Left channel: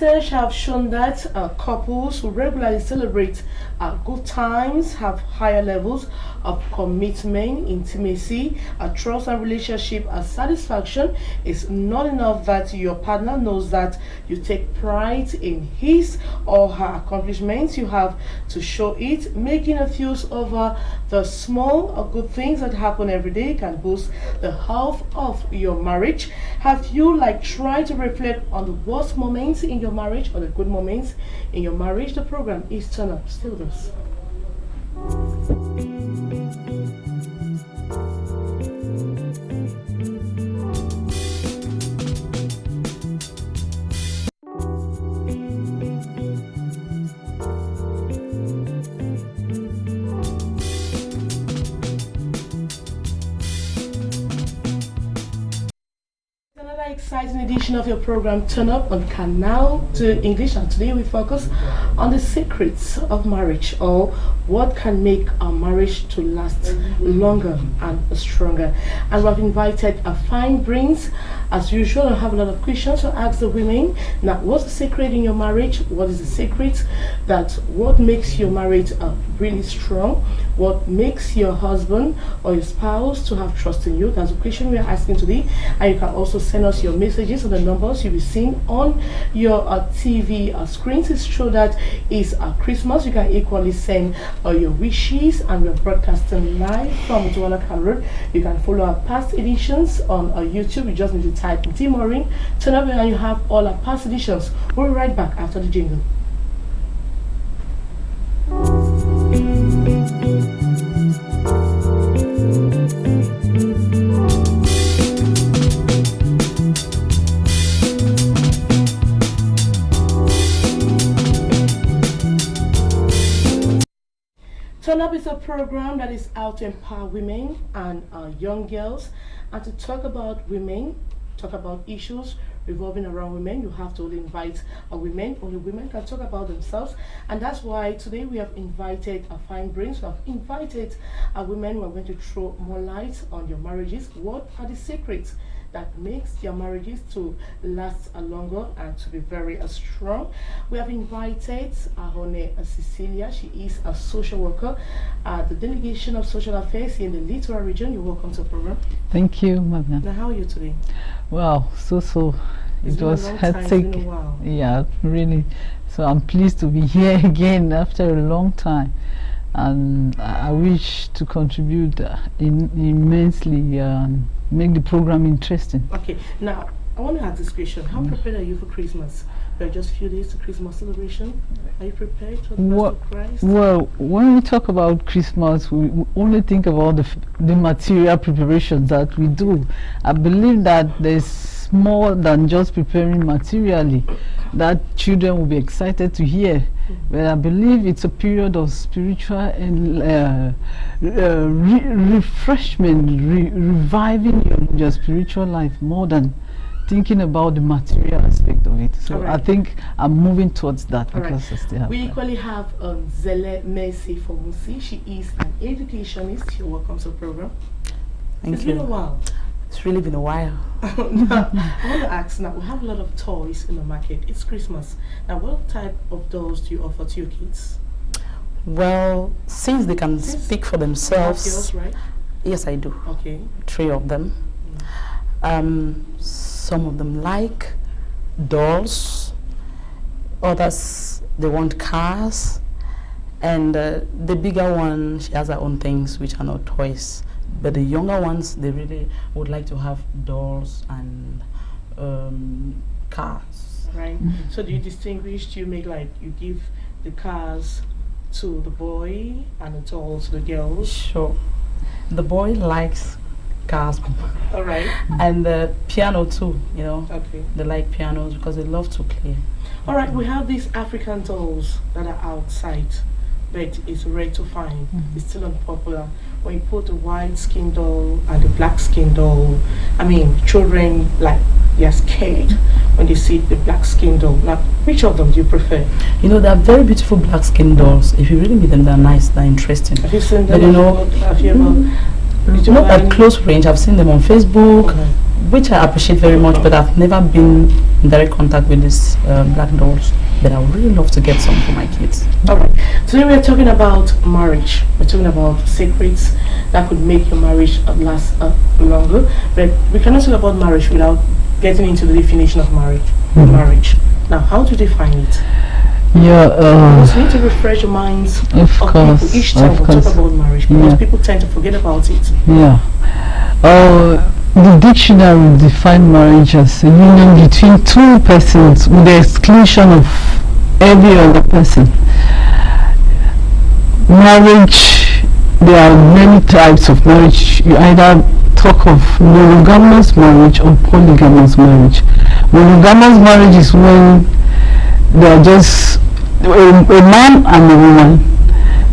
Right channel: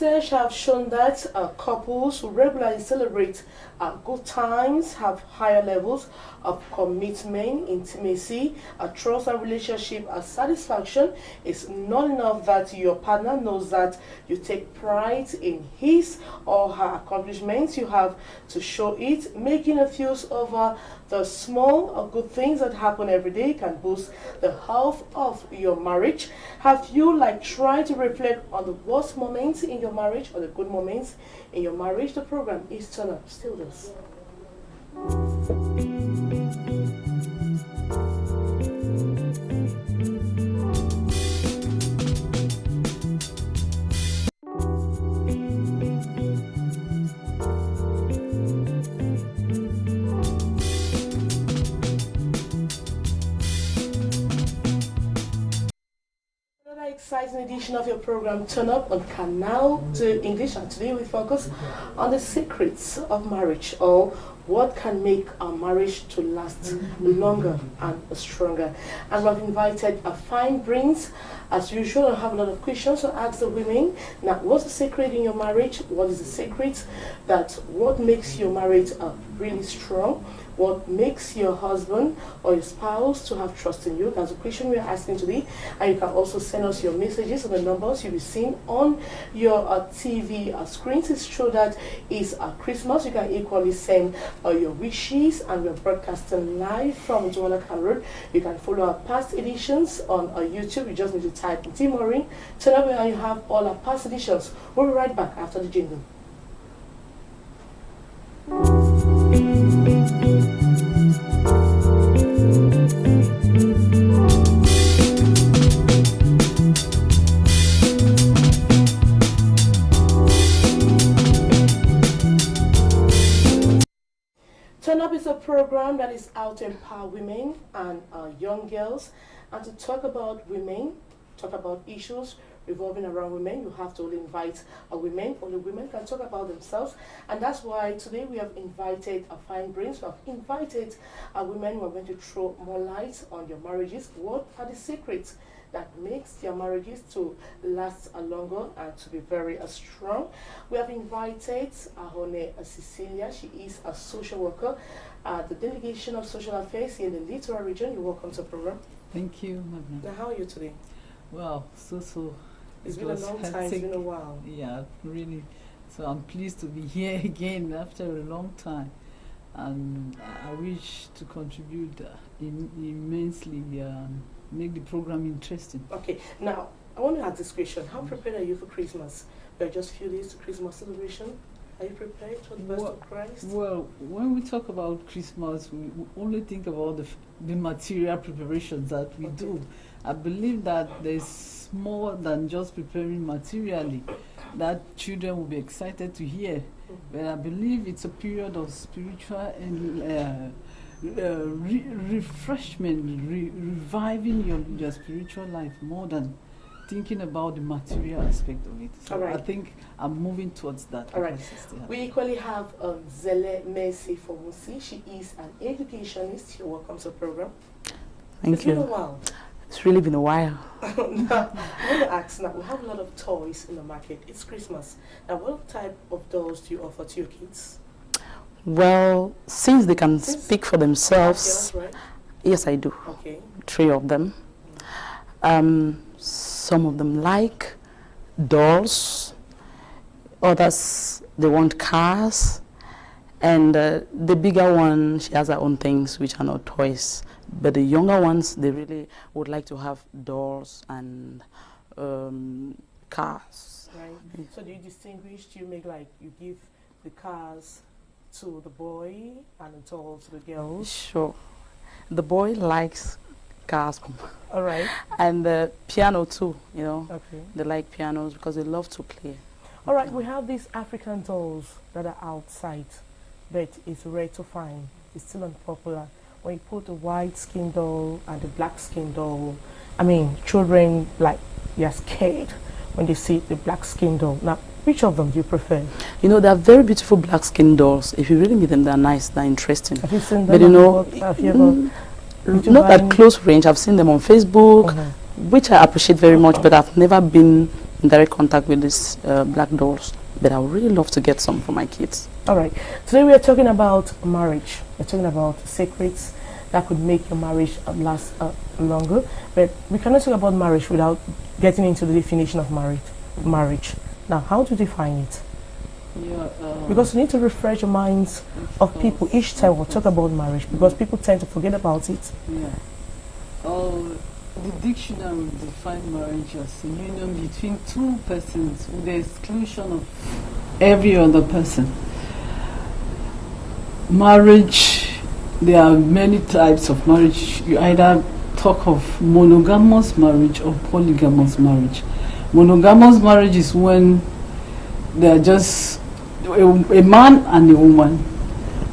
Research have shown that couples who regularly celebrate good times have higher levels of commitment, intimacy, trust and relationship satisfaction. It's not enough that your partner knows that you take pride in his or her accomplishments. You have to show it. Making a fuss over the small or good things that happen every day can boost the health of your marriage. Have you tried to reflect on the worst moments in your marriage or the good moments in your marriage? The program is Turn Up. Still does. Exciting edition of your program Turn Up on Canal to English, and today we focus on the secrets of marriage, or what can make our marriage to last longer and stronger. And we've invited a fine brains as usual. I have a lot of questions to ask the women. Now, what's the secret in your marriage? What is the secret what makes your marriage really strong? What makes your husband or your spouse to have trust in you? That's a question we are asking today. And you can also send us your messages on the numbers you'll be seeing on your TV screens. It's true that it's Christmas. You can equally send your wishes, and we're broadcasting live from Douala Road. You can follow our past editions on YouTube. You just need to type Ndih Maureen, Turn Up, and you have all our past editions. We'll be right back after the jingle. Turn Up is a program that is out to empower women and young girls, and to talk about women, talk about issues revolving around women. You have to only invite women. Only women can talk about themselves, and that's why today we have invited fine brains. We have invited women who are going to throw more light on your marriages. What are the secrets that makes your marriages to last longer and to be very strong? We have invited Ahone Cecilia. She is a social worker at the Delegation of Social Affairs here in the Littoral region. You're welcome to the program. Thank you, Magna. Now, how are you today? Well, it was hectic. It's been a while. Yeah, really. So I'm pleased to be here again after a long time, and I wish to contribute immensely, make the program interesting. Okay, now I want to ask this question: how prepared are you for Christmas? We are just a few days to Christmas celebration. Are you prepared for the birth of Christ? Well, when we talk about Christmas, we only think about the material preparations that we do. I believe that there's more than just preparing materially that children will be excited to hear. But I believe it's a period of spiritual and refreshment, reviving your spiritual life more than thinking about the material aspect of it. So I think I'm moving towards that. We equally have Zele Mercy Fomusi. She is an educationist. You're welcome to the program. Thank you. It's been a while. It's really been a while. Now, I want to ask, now we have a lot of toys in the market. It's Christmas. Now, what type of dolls do you offer to your kids? Well, since they can speak for themselves, girls, right? Yes, I do. Okay. 3 of them. Some of them like dolls, others they want cars, and the bigger one, she has her own things which are not toys. But the younger ones, they really would like to have dolls and cars. Right. So do you distinguish? Do you make you give the cars to the boy and the dolls to the girls? Sure. The boy likes cars. All right. And the piano too, you know. Okay. They like pianos because they love to play. All right. We have these African dolls that are outside, but it's rare to find. It's still unpopular. When you put the white skin doll and the black skin doll, I mean, children they're scared when they see the black skin doll. Now, which of them do you prefer? You know, they are very beautiful black skin dolls. If you really meet them, they're nice, they're interesting. Have you seen them? But you know, have you ever? Not at close range. I've seen them on Facebook, which I appreciate very much, but I've never been in direct contact with these black dolls, but I would really love to get some for my kids. All right. Today we're talking about marriage. We're talking about secrets that could make your marriage last longer. But we cannot talk about marriage without getting into the definition of marriage. Marriage. Now, how do you define it? Yeah, Because we need to refresh the minds of people each time we talk about marriage, because people tend to forget about it. Yeah. The dictionary defines marriage as a union between two persons with the exclusion of every other person. Marriage, there are many types of marriage. You either talk of monogamous marriage or polygamous marriage. Monogamous marriage is when they're just a man and a woman.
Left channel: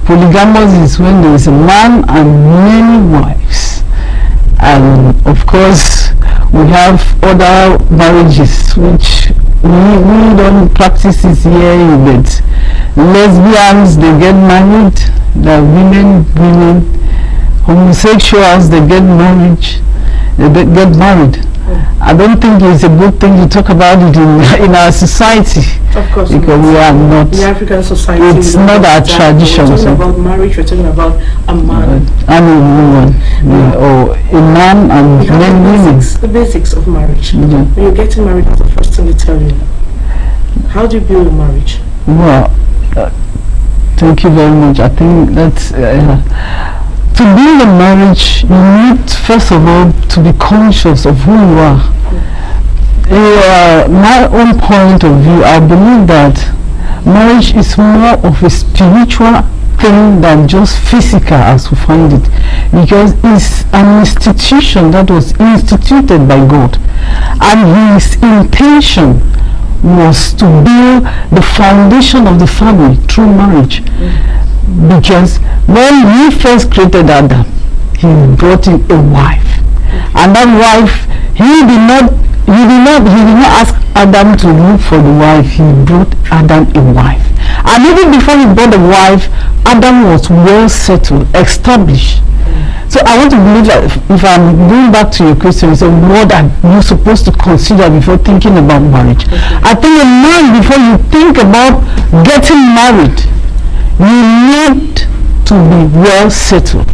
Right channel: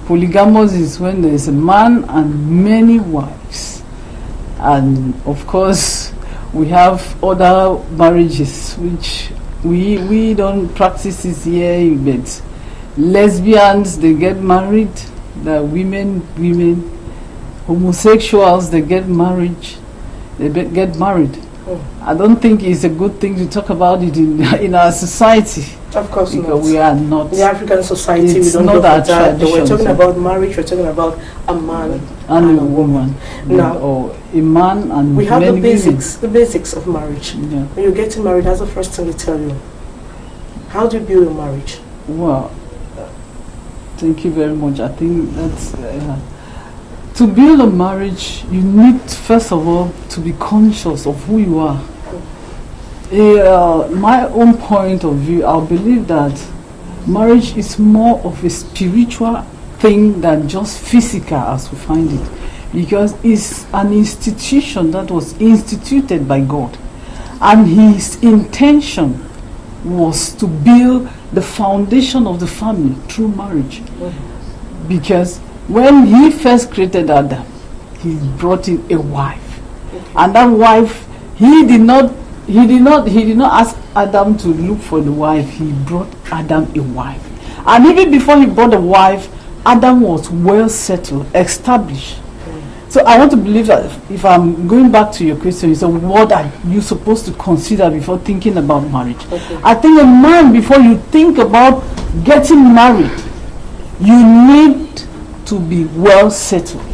Polygamous is when there is a man and many wives. And of course, we have other marriages which we don't practice this here, but lesbians, they get married, the women, homosexuals, they get married. I don't think it's a good thing to talk about it in our society. Of course, because we are not. In African society, it's not our tradition. We're talking about marriage. We're talking about a man and a woman, or a man and we have many women. The basics of marriage. When you're getting married, that's the first thing they tell you. How do you build a marriage? Well, thank you very much. I think that's. To build a marriage, you need first of all to be conscious of who you are. My own point of view, I believe that marriage is more of a spiritual thing than just physical as we find it, because it's an institution that was instituted by God, and His intention was to build the foundation of the family through marriage. Because when He first created Adam, He brought in a wife, and that wife, He did not ask Adam to look for the wife. He brought Adam a wife, and even before He brought the wife, Adam was well settled, established. So I want to believe that if I'm going back to your question, it's a word that you're supposed to consider before thinking about marriage. I think a man, before you think about getting married, you need to be well settled,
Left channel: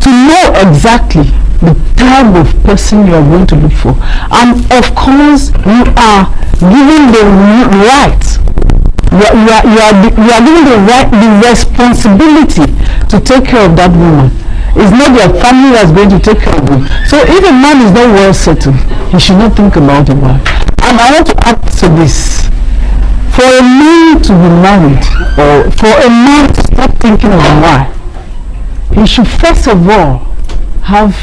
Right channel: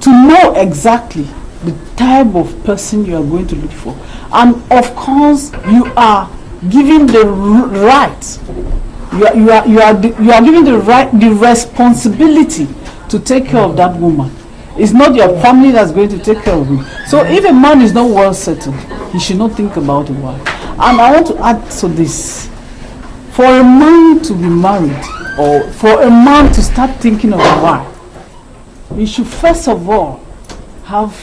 to know exactly the type of person you are going to look for, and of course you are given the right, you are given the responsibility to take care of that woman. It's not your family that's going to take care of you. So if a man is not well settled, he should not think about a wife. And I want to add to this. For a man to be married, or for a man to start thinking of a wife, he should first of all have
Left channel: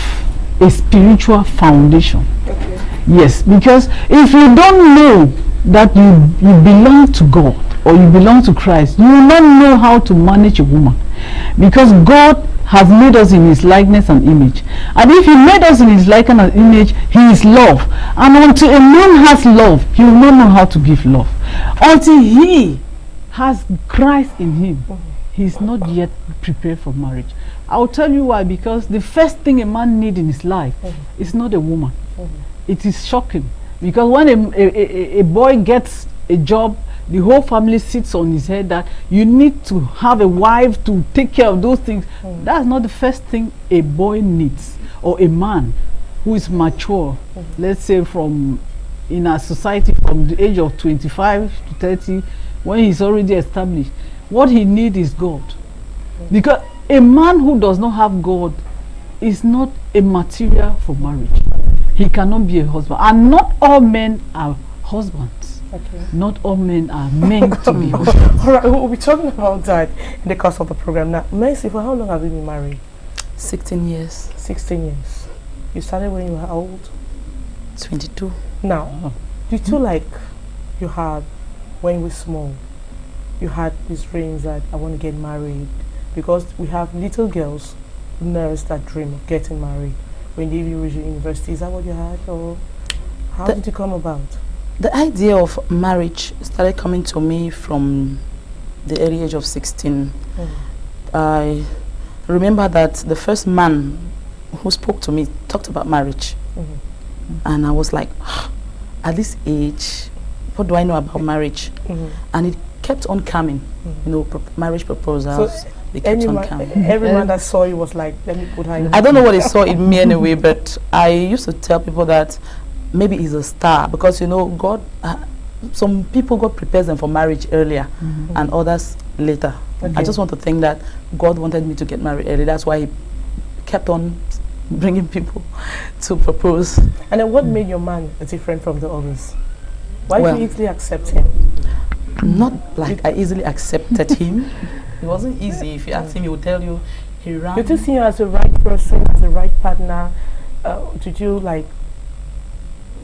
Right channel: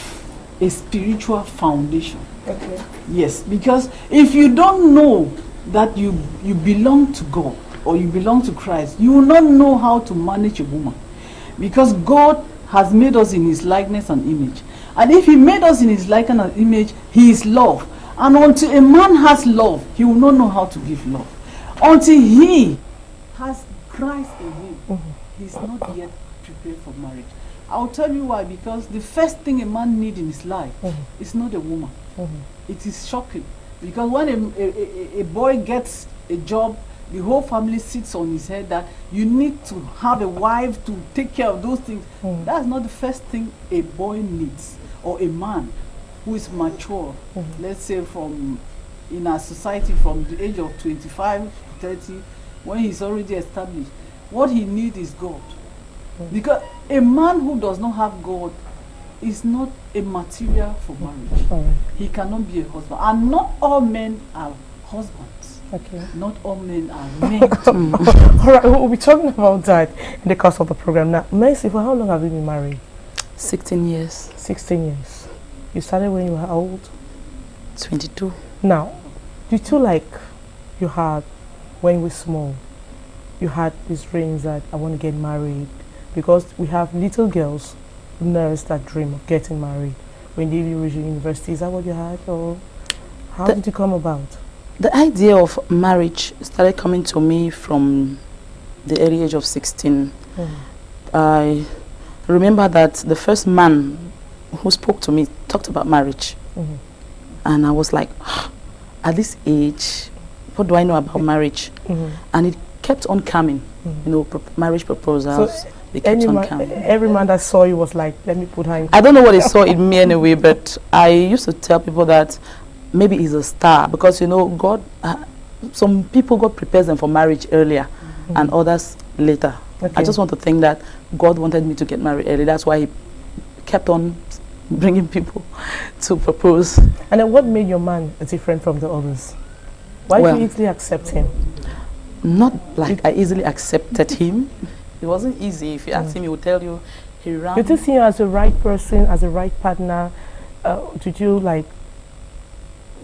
a spiritual foundation. Yes, because if you don't know that you belong to God or you belong to Christ, you will not know how to manage a woman. Because God has made us in His likeness and image. And if He made us in His likeness and image, He is love. And until a man has love, he will not know how to give love. Until he has Christ in him, he is not yet prepared for marriage. I'll tell you why. Because the first thing a man needs in his life is not a woman. It is shocking. Because when a boy gets a job, the whole family sits on his head that you need to have a wife to take care of those things. That's not the first thing a boy needs, or a man who is mature. Let's say in our society from the age of 25 to 30, when he's already established, what he needs is God. Because a man who does not have God is not a material for marriage. He cannot be a husband. And not all men are husbands. Not all men are meant to be husbands. All right, we'll be talking about that in the course of the program. Now, Mercy, for how long have you been married? 16 years. 16 years. You started when you were old? 22. Now, do you feel like you had, when you were small, you had these dreams that I want to get married? Because we have little girls who nurse that dream of getting married when they reach university. Is that what you had, or how did it come about? The idea of marriage started coming to me from the early age of 16. I remember that the first man who spoke to me talked about marriage. And I was like, at this age, what do I know about marriage? And it kept on coming, you know, marriage proposals. So they kept on coming. every man that saw you was like, let me put her in. I don't know what they saw in me anyway, but I used to tell people that maybe he's a star, because, you know, God, some people, God prepares them for marriage earlier and others later. Okay. I just want to think that God wanted me to get married early. That's why he kept on bringing people to propose. And then what made your man different from the others? Why did you easily accept him? Not like I easily accepted him. It wasn't easy. If you ask him, he would tell you he ran. Did you see him as the right person, as the right partner? Did you like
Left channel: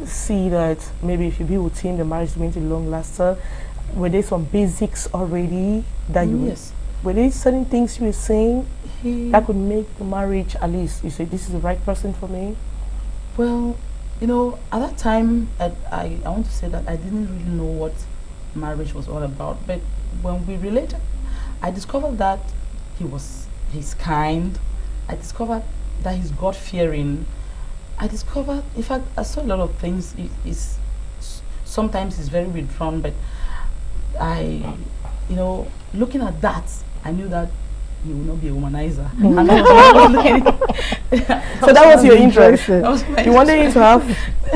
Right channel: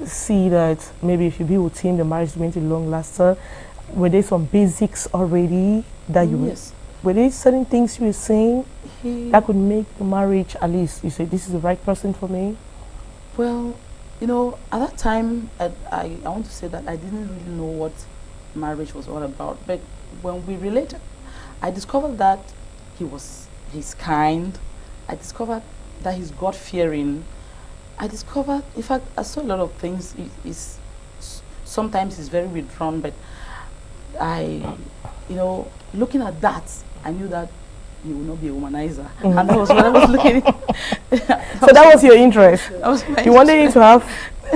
see that maybe if you be with him, the marriage is going to be long lasting? Were there some basics already that you Yes. were there certain things you were saying that could make the marriage, at least you say, this is the right person for me? Well, you know, at that time, I want to say that I didn't really know what marriage was all about. But when we related, I discovered that he's kind. I discovered that he's God-fearing. I discovered, in fact, I saw a lot of things. Sometimes he's very withdrawn, but you know, looking at that, I knew that he will not be a womanizer. And that was what I was looking at. So that was your interest. That was my You wanted him to have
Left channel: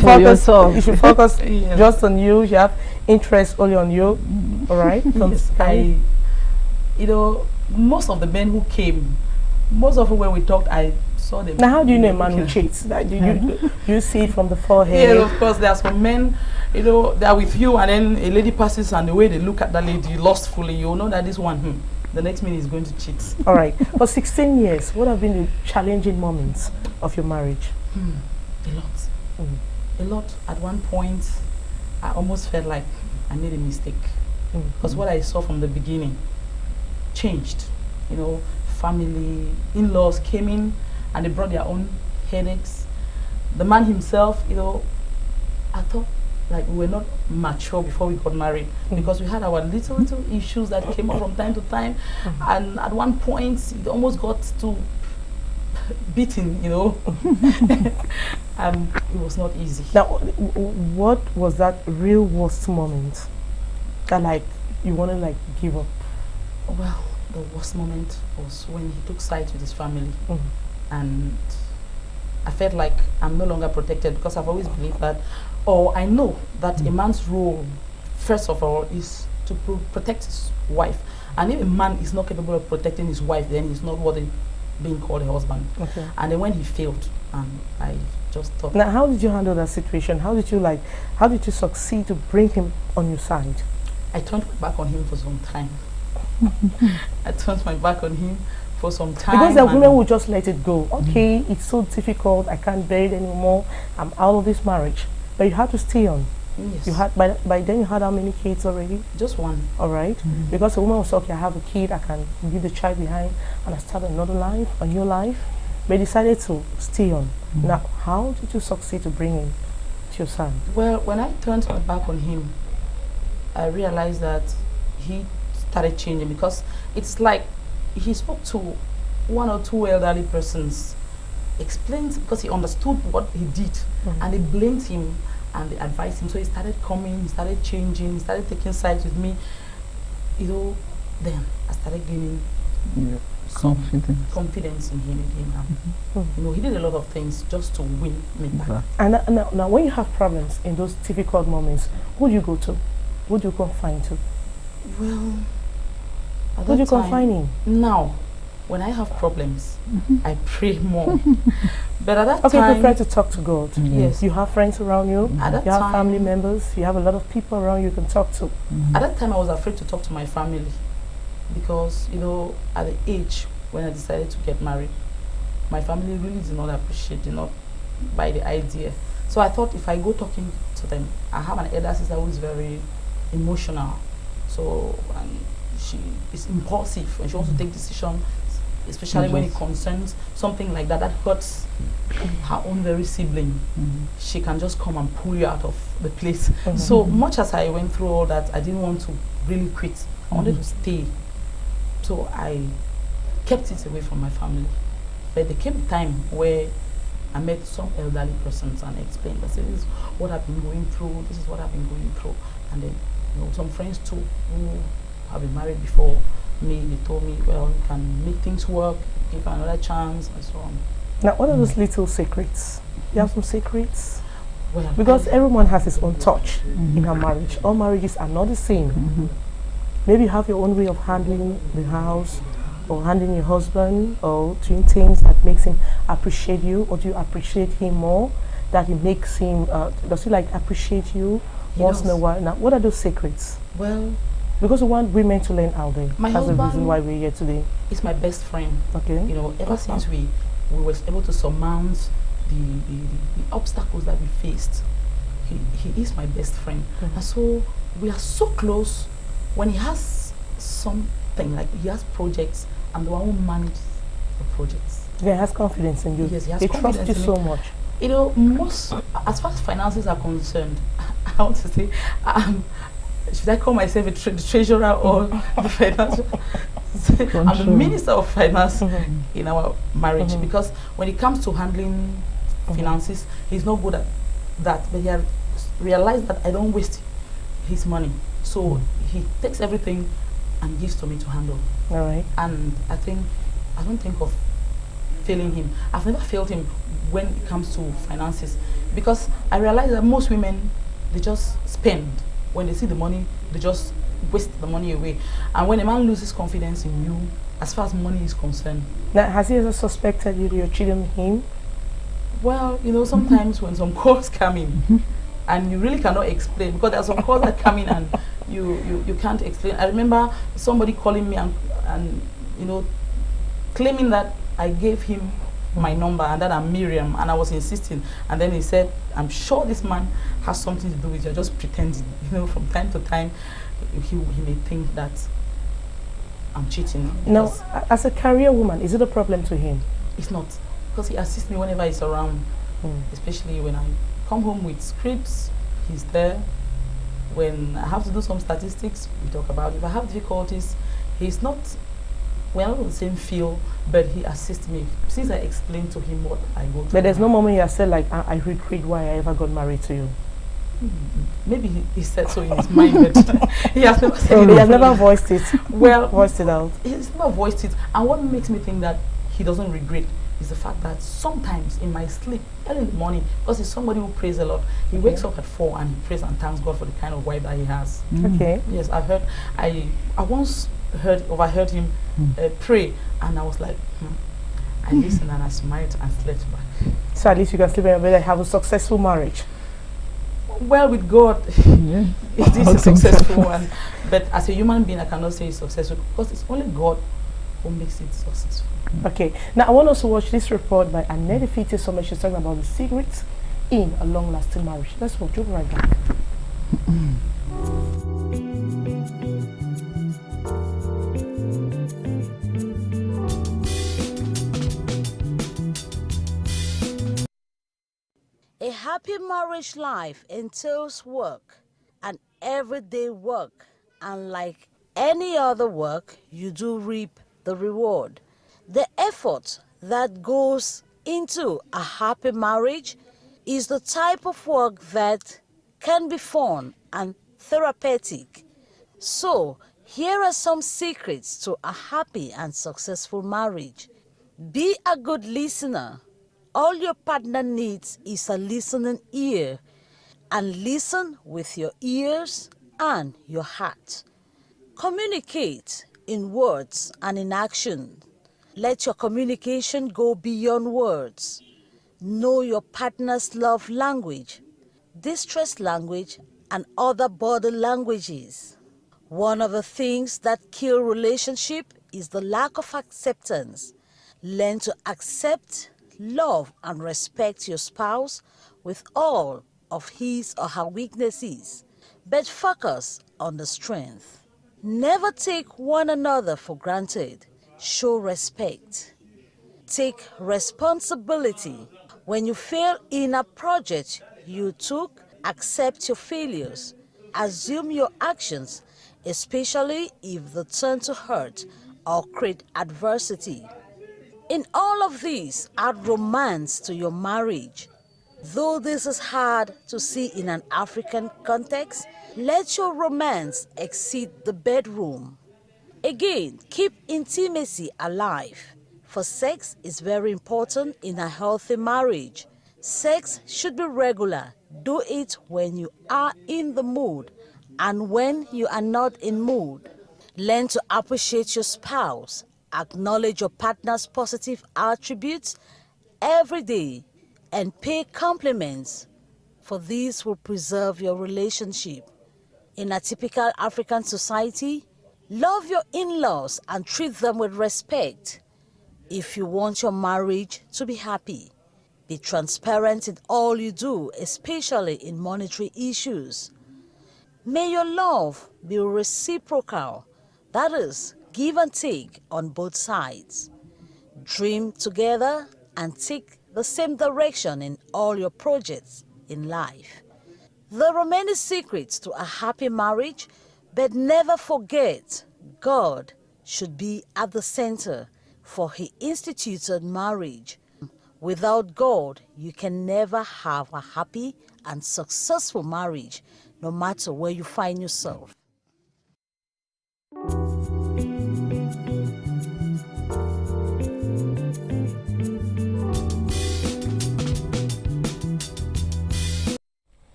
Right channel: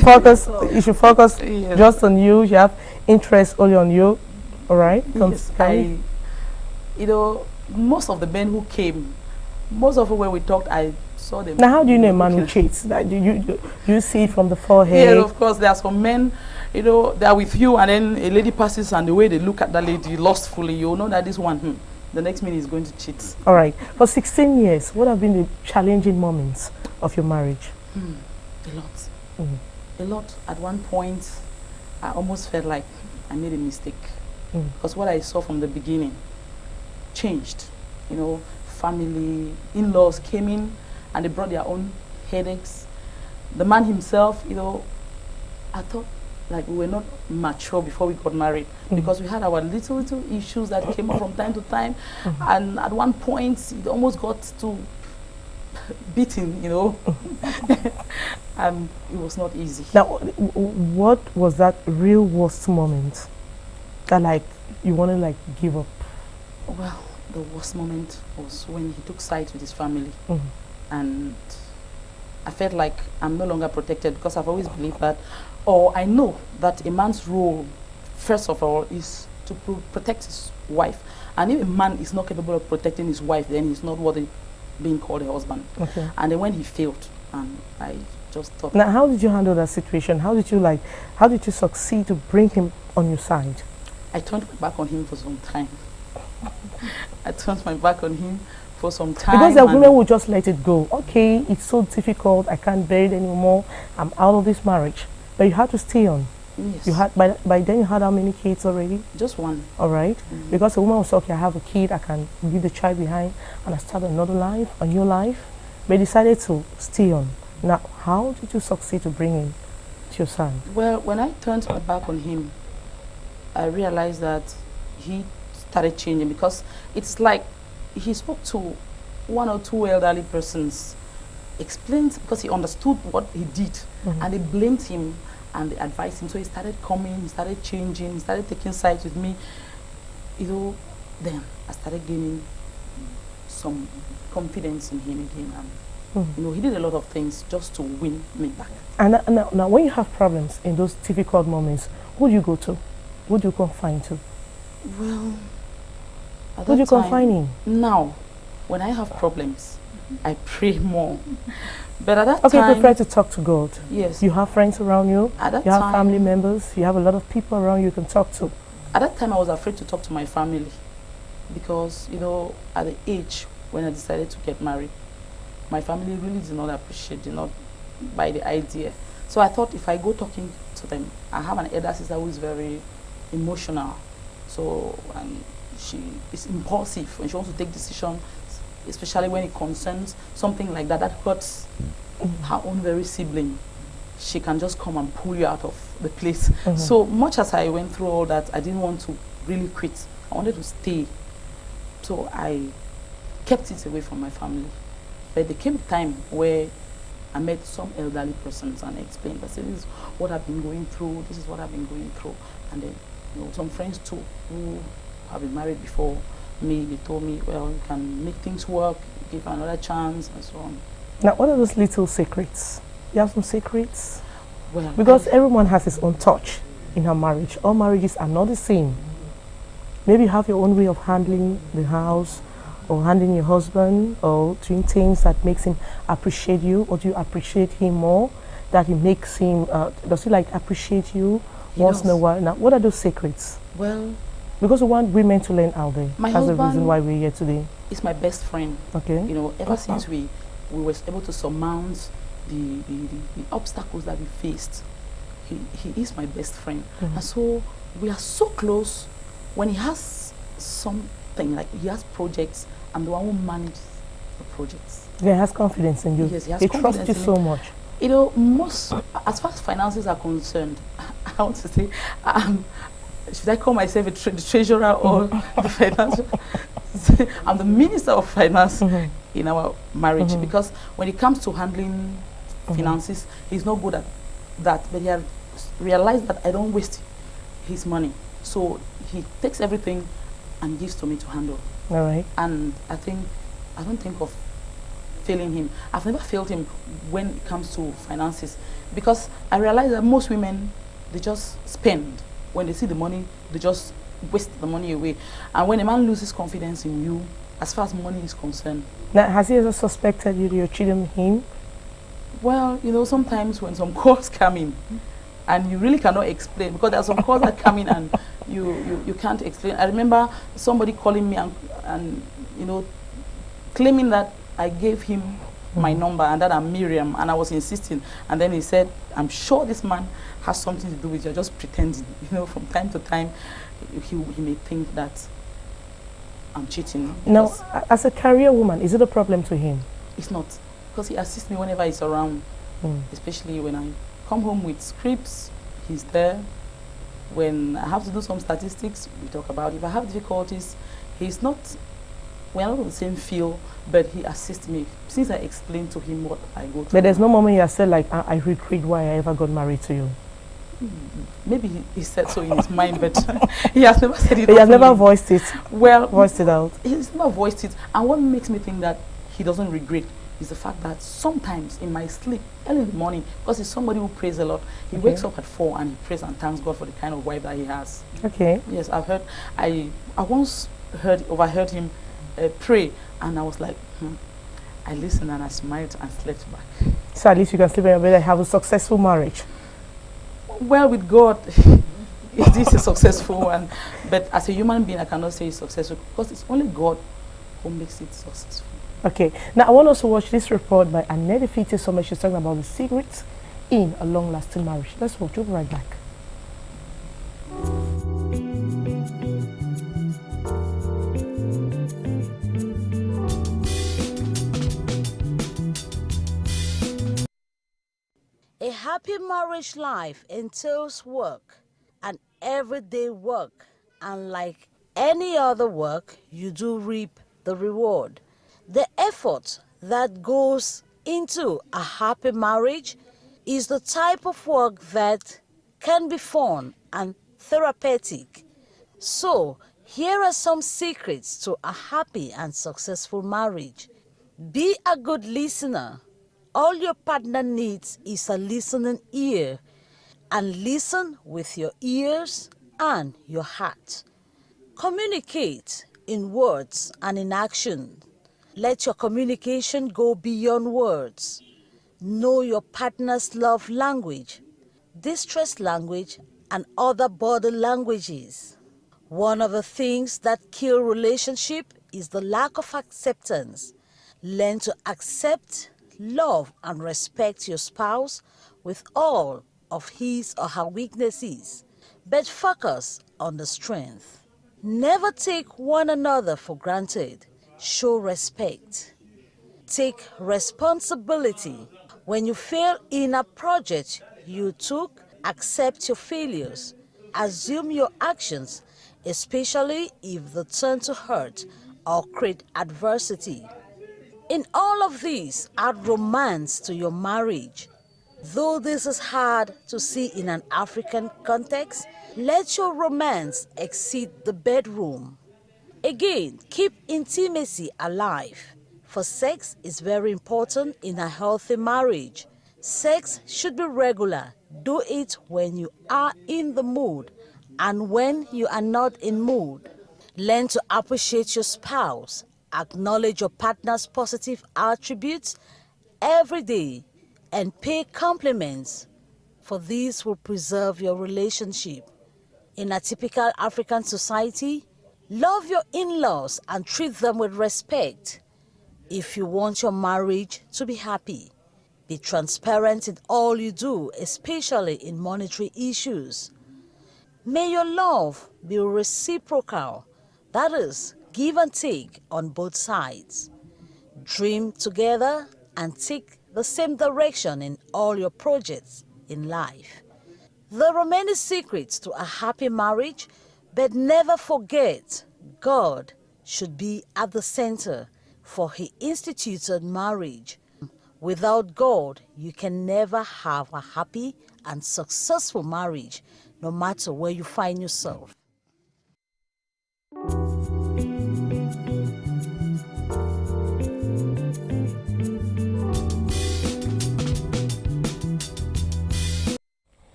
focus. yourself. You should focus Yes. just on you. You have interest only on you. All right. Yes, you know, most of the men who came, most of them when we talked, I saw them. Now, how do you know a man who cheats? Like, do you see it from the forehead? Yeah, of course. There are some men, you know, they are with you, and then a lady passes, and the way they look at that lady lustfully, you know that this one, the next minute is going to cheat. All right. For 16 years, what have been the challenging moments of your marriage? A lot. A lot. At one point, I almost felt like I made a mistake. Because what I saw from the beginning changed. You know, family, in-laws came in and they brought their own headaches. The man himself, you know, I thought like we were not mature before we got married because we had our little issues that came up from time to time. And at one point, it almost got to beating, you know. And it was not easy. Now, what was that real worst moment that like you want to like give up? Well, the worst moment was when he took sides with his family. And I felt like I'm no longer protected because I've always believed that, or I know that a man's role, first of all, is to protect his wife. And if a man is not capable of protecting his wife, then he's not worthy being called a husband. Okay. And then when he failed, I just thought. Now, how did you handle that situation? How did you succeed to bring him on your side? I turned my back on him for some time. I turned my back on him for some time. Because the women will just let it go. Okay, it's so difficult. I can't bear it anymore. I'm out of this marriage. But you had to stay on. Yes. You had by then you had how many kids already? Just one. All right. Because the woman was okay, I have a kid, I can leave the child behind and I start another life, a new life. But you decided to stay on. Now, how did you succeed to bring him to your side? Well, when I turned my back on him, I realized that he started changing because it's like he spoke to one or two elderly persons, explained because he understood what he did, and they blamed him and they advised him. So he started coming, he started changing, he started taking sides with me. You know, then I started gaining some confidence in him again. You know, he did a lot of things just to win me back. And now, when you have problems in those difficult moments, who do you go to? Who do you confine to? Well, Who do you confine in? Now, when I have problems, I pray more. But at that Okay, time, prefer to talk to God. yes, You have friends around you. at that You have time, family members. You have a lot of people around you can talk to. at that time, I was afraid to talk to my family because, you know, at the age when I decided to get married, my family really did not appreciate, did not buy the idea. So I thought if I go talking to them, I have an elder sister who is very emotional. So, and she is impulsive when she wants to take decisions, especially when it concerns something like that hurts her own very sibling. She can just come and pull you out of the place. So much as I went through all that, I didn't want to really quit. I wanted to stay. So I kept it away from my family. But there came a time where I met some elderly persons and explained, I said, this is what I've been going through, this is what I've been going through. And then, some friends too who have been married before me, they told me, well, you can make things work, give another chance, and so on. Now, what are those little secrets? You have some secrets? Well, Because everyone has his own touch in her marriage. All marriages are not the same. Maybe you have your own way of handling the house, or handling your husband, or doing things that makes him appreciate you, or do you appreciate him more? That it makes him, does he like appreciate you once in a while? Now, what are those secrets? Well, Because we want women to learn out there. My That's the husband reason why we're here today. is my best friend. Okay. Ever since we were able to surmount the obstacles that we faced, he is my best friend. And so we are so close. When he has something, like he has projects, I'm the one who manages the projects. Yeah, he has confidence in you. Yes, he has He trusts confidence you in so me. much. Most, as far as finances are concerned, I want to say, should I call myself the treasurer or the financial? I'm the minister of finance in our marriage, because when it comes to handling finances, he's not good at that. But he has realized that I don't waste his money, so he takes everything and gives to me to handle. All right. And I don't think of failing him. I've never failed him when it comes to finances, because I realize that most women, they just spend. When they see the money, they just waste the money away. And when a man loses confidence in you, as far as money is concerned. Now, has he ever suspected you're cheating on him? Well, sometimes when some calls come in, and you really cannot explain, because there are some calls that come in and you can't explain. I remember somebody calling me and claiming that I gave him my number and that I'm Miriam, and I was insisting. And then he said, I'm sure this man has something to do with you, just pretending. From time to time, he may think that I'm cheating. Now, as a career woman, is it a problem to him? It's not, because he assists me whenever he's around, especially when I come home with scripts, he's there. When I have to do some statistics, we talk about it. If I have difficulties, he's not, we're not on the same field, but he assists me since I explained to him what I go through. But there's no moment you have said, like, I regret why I ever got married to you. Maybe he said so in his mind, but he has never said it. He has never voiced it. Well, voiced it out. He's never voiced it. And what makes me think that he doesn't regret is the fact that sometimes in my sleep, early in the morning, because he's somebody who prays a lot, he wakes up at 4 and he prays and thanks God for the kind of wife that he has. Okay. Yes, I once overheard him pray, and I was like, I listened and I smiled and slept back. So at least you can sleep in your bed and have a successful marriage. Well, with God, it is a successful one. But as a human being, I cannot say it's successful, because it's only God who makes it successful. Okay. Now, I want us to watch this report by Ndih Fiti Sommer. She's talking about the secrets in a long-lasting marriage. Let's watch. We'll be right back. A happy marriage life entails work, and everyday work, and like any other work, you do reap the reward. The effort that goes into a happy marriage is the type of work that can be fun and therapeutic. So, here are some secrets to a happy and successful marriage. Be a good listener. All your partner needs is a listening ear, and listen with your ears and your heart. Communicate in words and in action. Let your communication go beyond words. Know your partner's love language, distress language, and other body languages. One of the things that kill relationship is the lack of acceptance. Learn to accept, love, and respect your spouse with all of his or her weaknesses, but focus on the strength. Never take one another for granted. Show respect. Take responsibility. When you fail in a project you took, accept your failures. Assume your actions, especially if they turn to hurt or create adversity. In all of these, add romance to your marriage. Though this is hard to see in an African context, let your romance exceed the bedroom. Again, keep intimacy alive, for sex is very important in a healthy marriage. Sex should be regular. Do it when you are in the mood and when you are not in mood. Learn to appreciate your spouse. Acknowledge your partner's positive attributes every day and pay compliments, for these will preserve your relationship. In a typical African society, love your in-laws and treat them with respect. If you want your marriage to be happy, be transparent in all you do, especially in monetary issues. May your love be reciprocal, that is, give and take on both sides. Dream together and take the same direction in all your projects in life. There are many secrets to a happy marriage, but never forget God should be at the center, for He instituted marriage. Without God, you can never have a happy and successful marriage, no matter where you find yourself.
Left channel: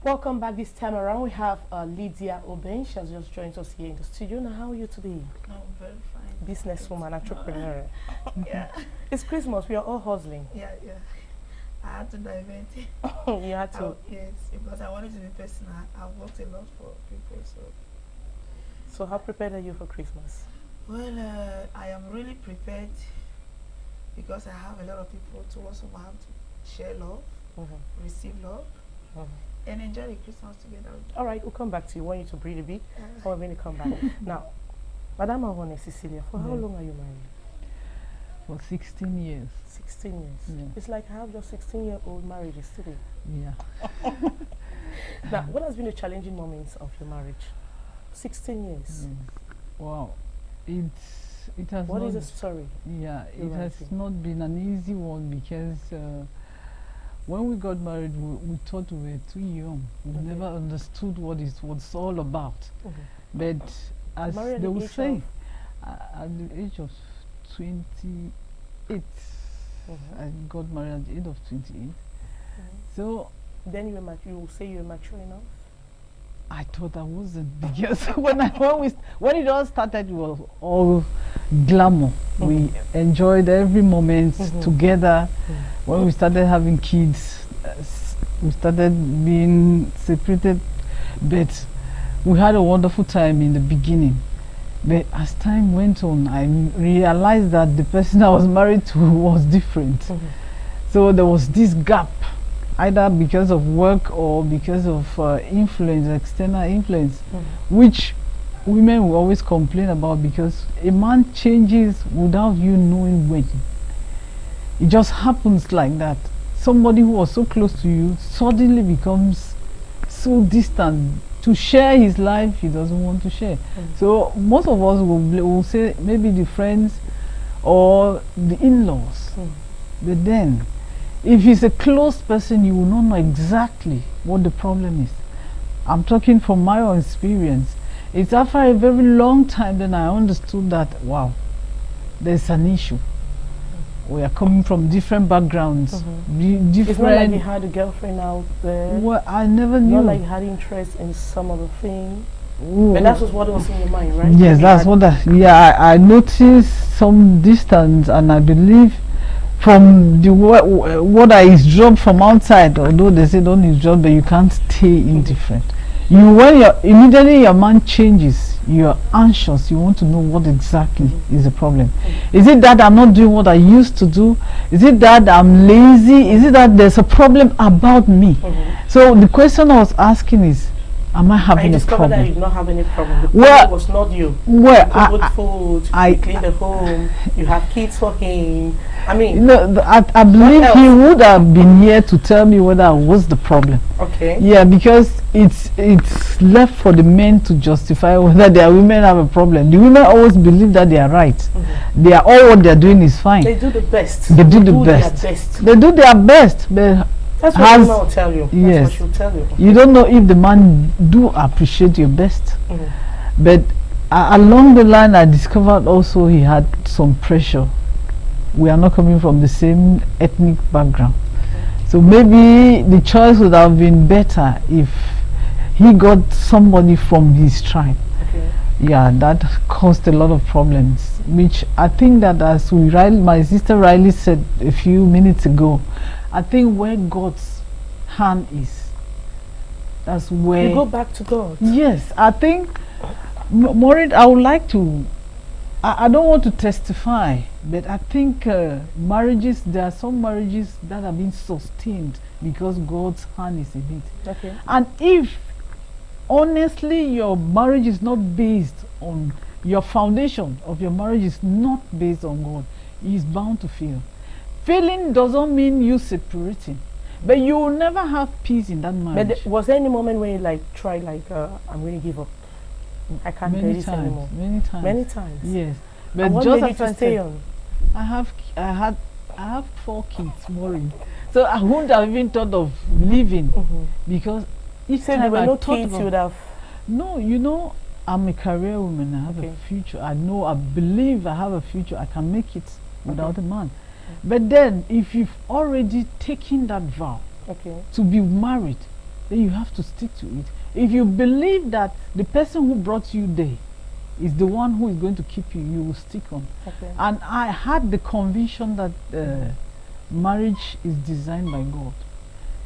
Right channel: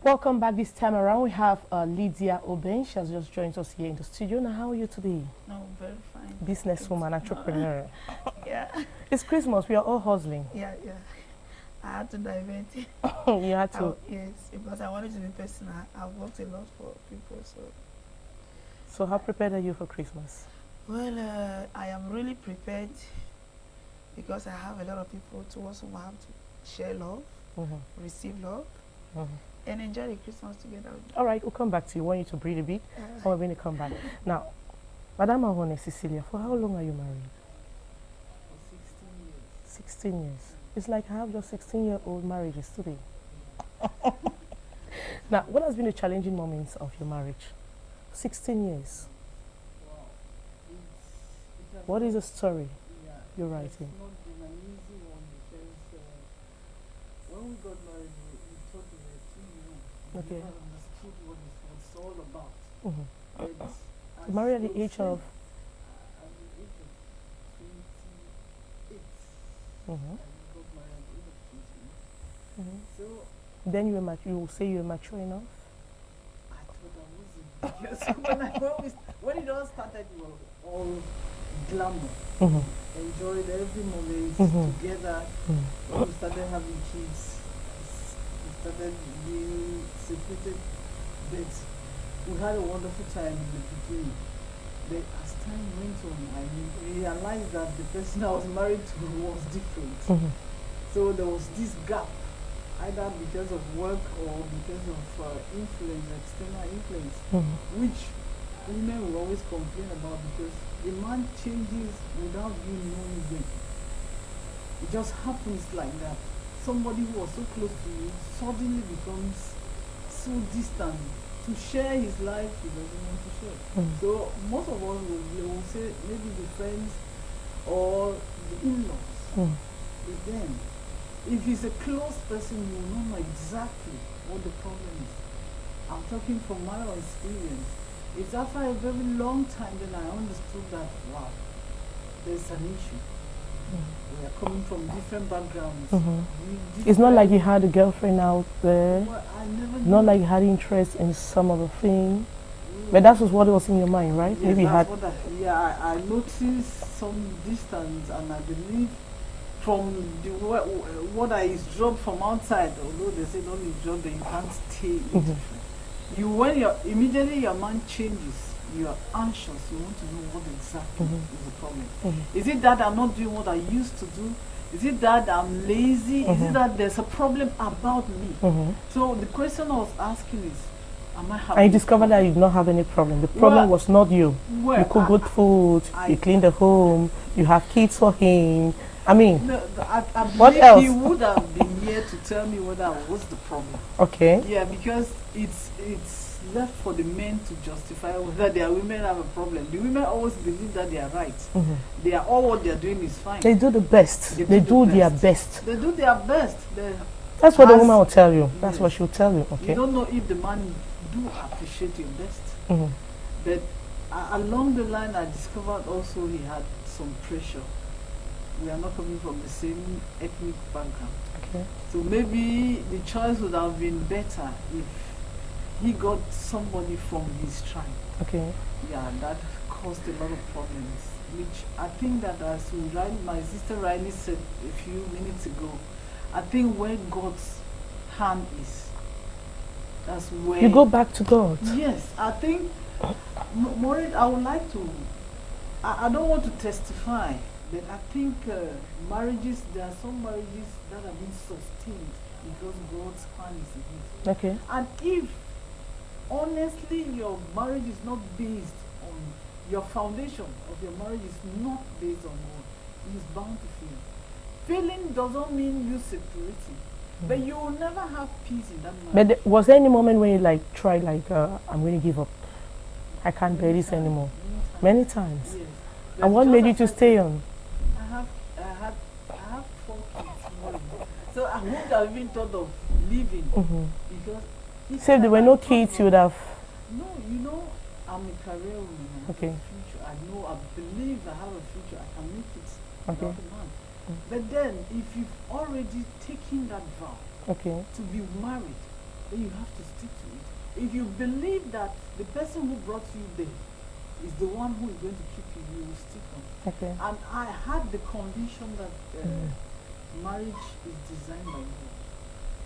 Welcome back. This time around, we have Lydia Oben. She has just joined us here in the studio. Now, how are you today? No, very fine. Businesswoman, entrepreneur. Yeah. It's Christmas. We are all hustling. Yeah. I had to divert. You had to. Yes, because I wanted to be personal. I've worked a lot for people, so. So, how prepared are you for Christmas? Well, I am really prepared because I have a lot of people towards whom I have to share love, receive love, and enjoy the Christmas together. All right, we'll come back to you. Want you to breathe a bit, or we're going to come back. Now, Madame Ahone Cecilia, for how long are you married? For 16 years. 16 years. It's like I have just 16-year-old marriages today. Yeah. Now, what has been the challenging moments of your marriage? 16 years. Wow. It has. What not, is the story? Yeah, you're it has writing? not been an easy one because when we got married, we thought we were too young. We never understood what it was all about. But as married at they the would age say, of? at the age of 28. I got married at the age of 28. So then you will say you were mature enough? I thought I wasn't, because when it all started, it was all glamour. We enjoyed every moment together. When we started having kids, we started being separated, but we had a wonderful time in the beginning. But as time went on, I realized that the person I was married to was different. So there was this gap, either because of work or because of influence, external influence, which women will always complain about, because a man changes without you knowing when. It just happens like that. Somebody who was so close to you suddenly becomes so distant. To share his life, he doesn't want to share. So most of us will say maybe the friends or the in-laws. But then, if he's a close person, you will not know exactly what the problem is. I'm talking from my own experience. It's after a very long time then I understood that, wow, there's an issue. We are coming from different backgrounds. It's not like you had a girlfriend out there. Well, I never knew. Not like you had interest in some other thing. But that was what was in your mind, right? Yes, Maybe that's what I noticed some distance, and I believe from the what I eavesdrop from outside, although they say don't eavesdrop, but you can't stay indifferent. Immediately your mind changes, you're anxious, you want to know what exactly is the problem. Is it that I'm not doing what I used to do? Is it that I'm lazy? Is it that there's a problem about me? So the question I was asking is, am I having I a discovered that problem? you did not have any problem. The Well, problem was not you. Well, You cook good food, I- you clean the home, you have kids for him. I mean, no, I believe else? he would have been here to tell me whether I was the problem. okay. Yeah, because it's left for the men to justify whether their women have a problem. The women always believe that they are right. They are all what they are doing is fine. They do the best. They do the their best. best. They do their best, but That's what the Has- woman will tell you. That's yes. what she'll tell you. Okay. you don't know if the man do appreciate your best. Mhm. But along the line, I discovered also he had some pressure. We are not coming from the same ethnic background. Okay. So maybe the choice would have been better if he got somebody from his tribe. Okay. Yeah, that caused a lot of problems, which I think that, as my sister Riley said a few minutes ago, I think where God's hand is, that's where You go back to God. Yes, I think, Maureen, I would like to, I don't want to testify, but I think marriages, there are some marriages that have been sustained because God's hand is in it. Okay. And if, honestly, your marriage is not based on, your foundation of your marriage is not based on God, He is bound to fail. Failing doesn't mean you separating, but you will never have peace in that marriage. But was there any moment when you like tried like I'm going to give up? I can't bear Many this times, anymore. Many times. Many times. Yes. And what just made you as to I stay said, on? I have 4 kids, Maureen. So I wouldn't have even thought of leaving because each So if there time were I no thought kids, about- you would have. No, you know, I'm a career woman. I have Okay. a future. I know, I believe I have a future. I can make it without Okay. a man. But then, if you've already taken that vow Okay. to be married, then you have to stick to it. If you believe that the person who brought you there is the one who is going to keep you, you will stick on. Okay. And I had the conviction that marriage is designed by God.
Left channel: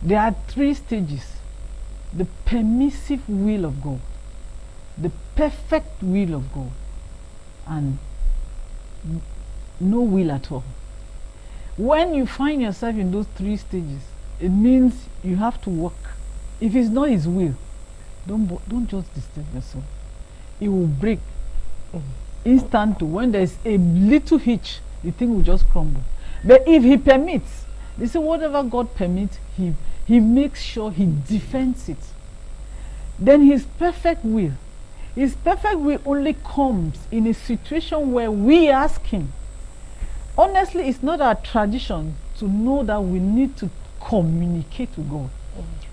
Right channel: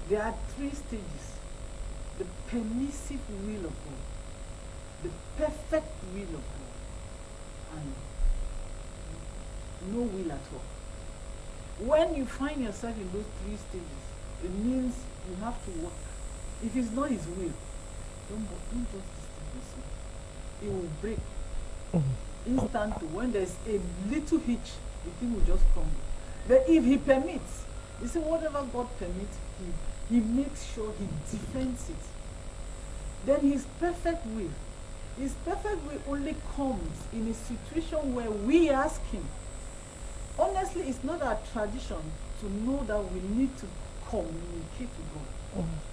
There are 3 stages: the permissive will of God, the perfect will of God, and no will at all. When you find yourself in those 3 stages, it means you have to work. If it's not His will, don't just disturb yourself. It will break instantly. When there's a little hitch, the thing will just crumble. But if He permits, they say whatever God permits, He makes sure He defends it. Then His perfect will only comes in a situation where we ask Him. Honestly, it's not our tradition to know that we need to communicate to God.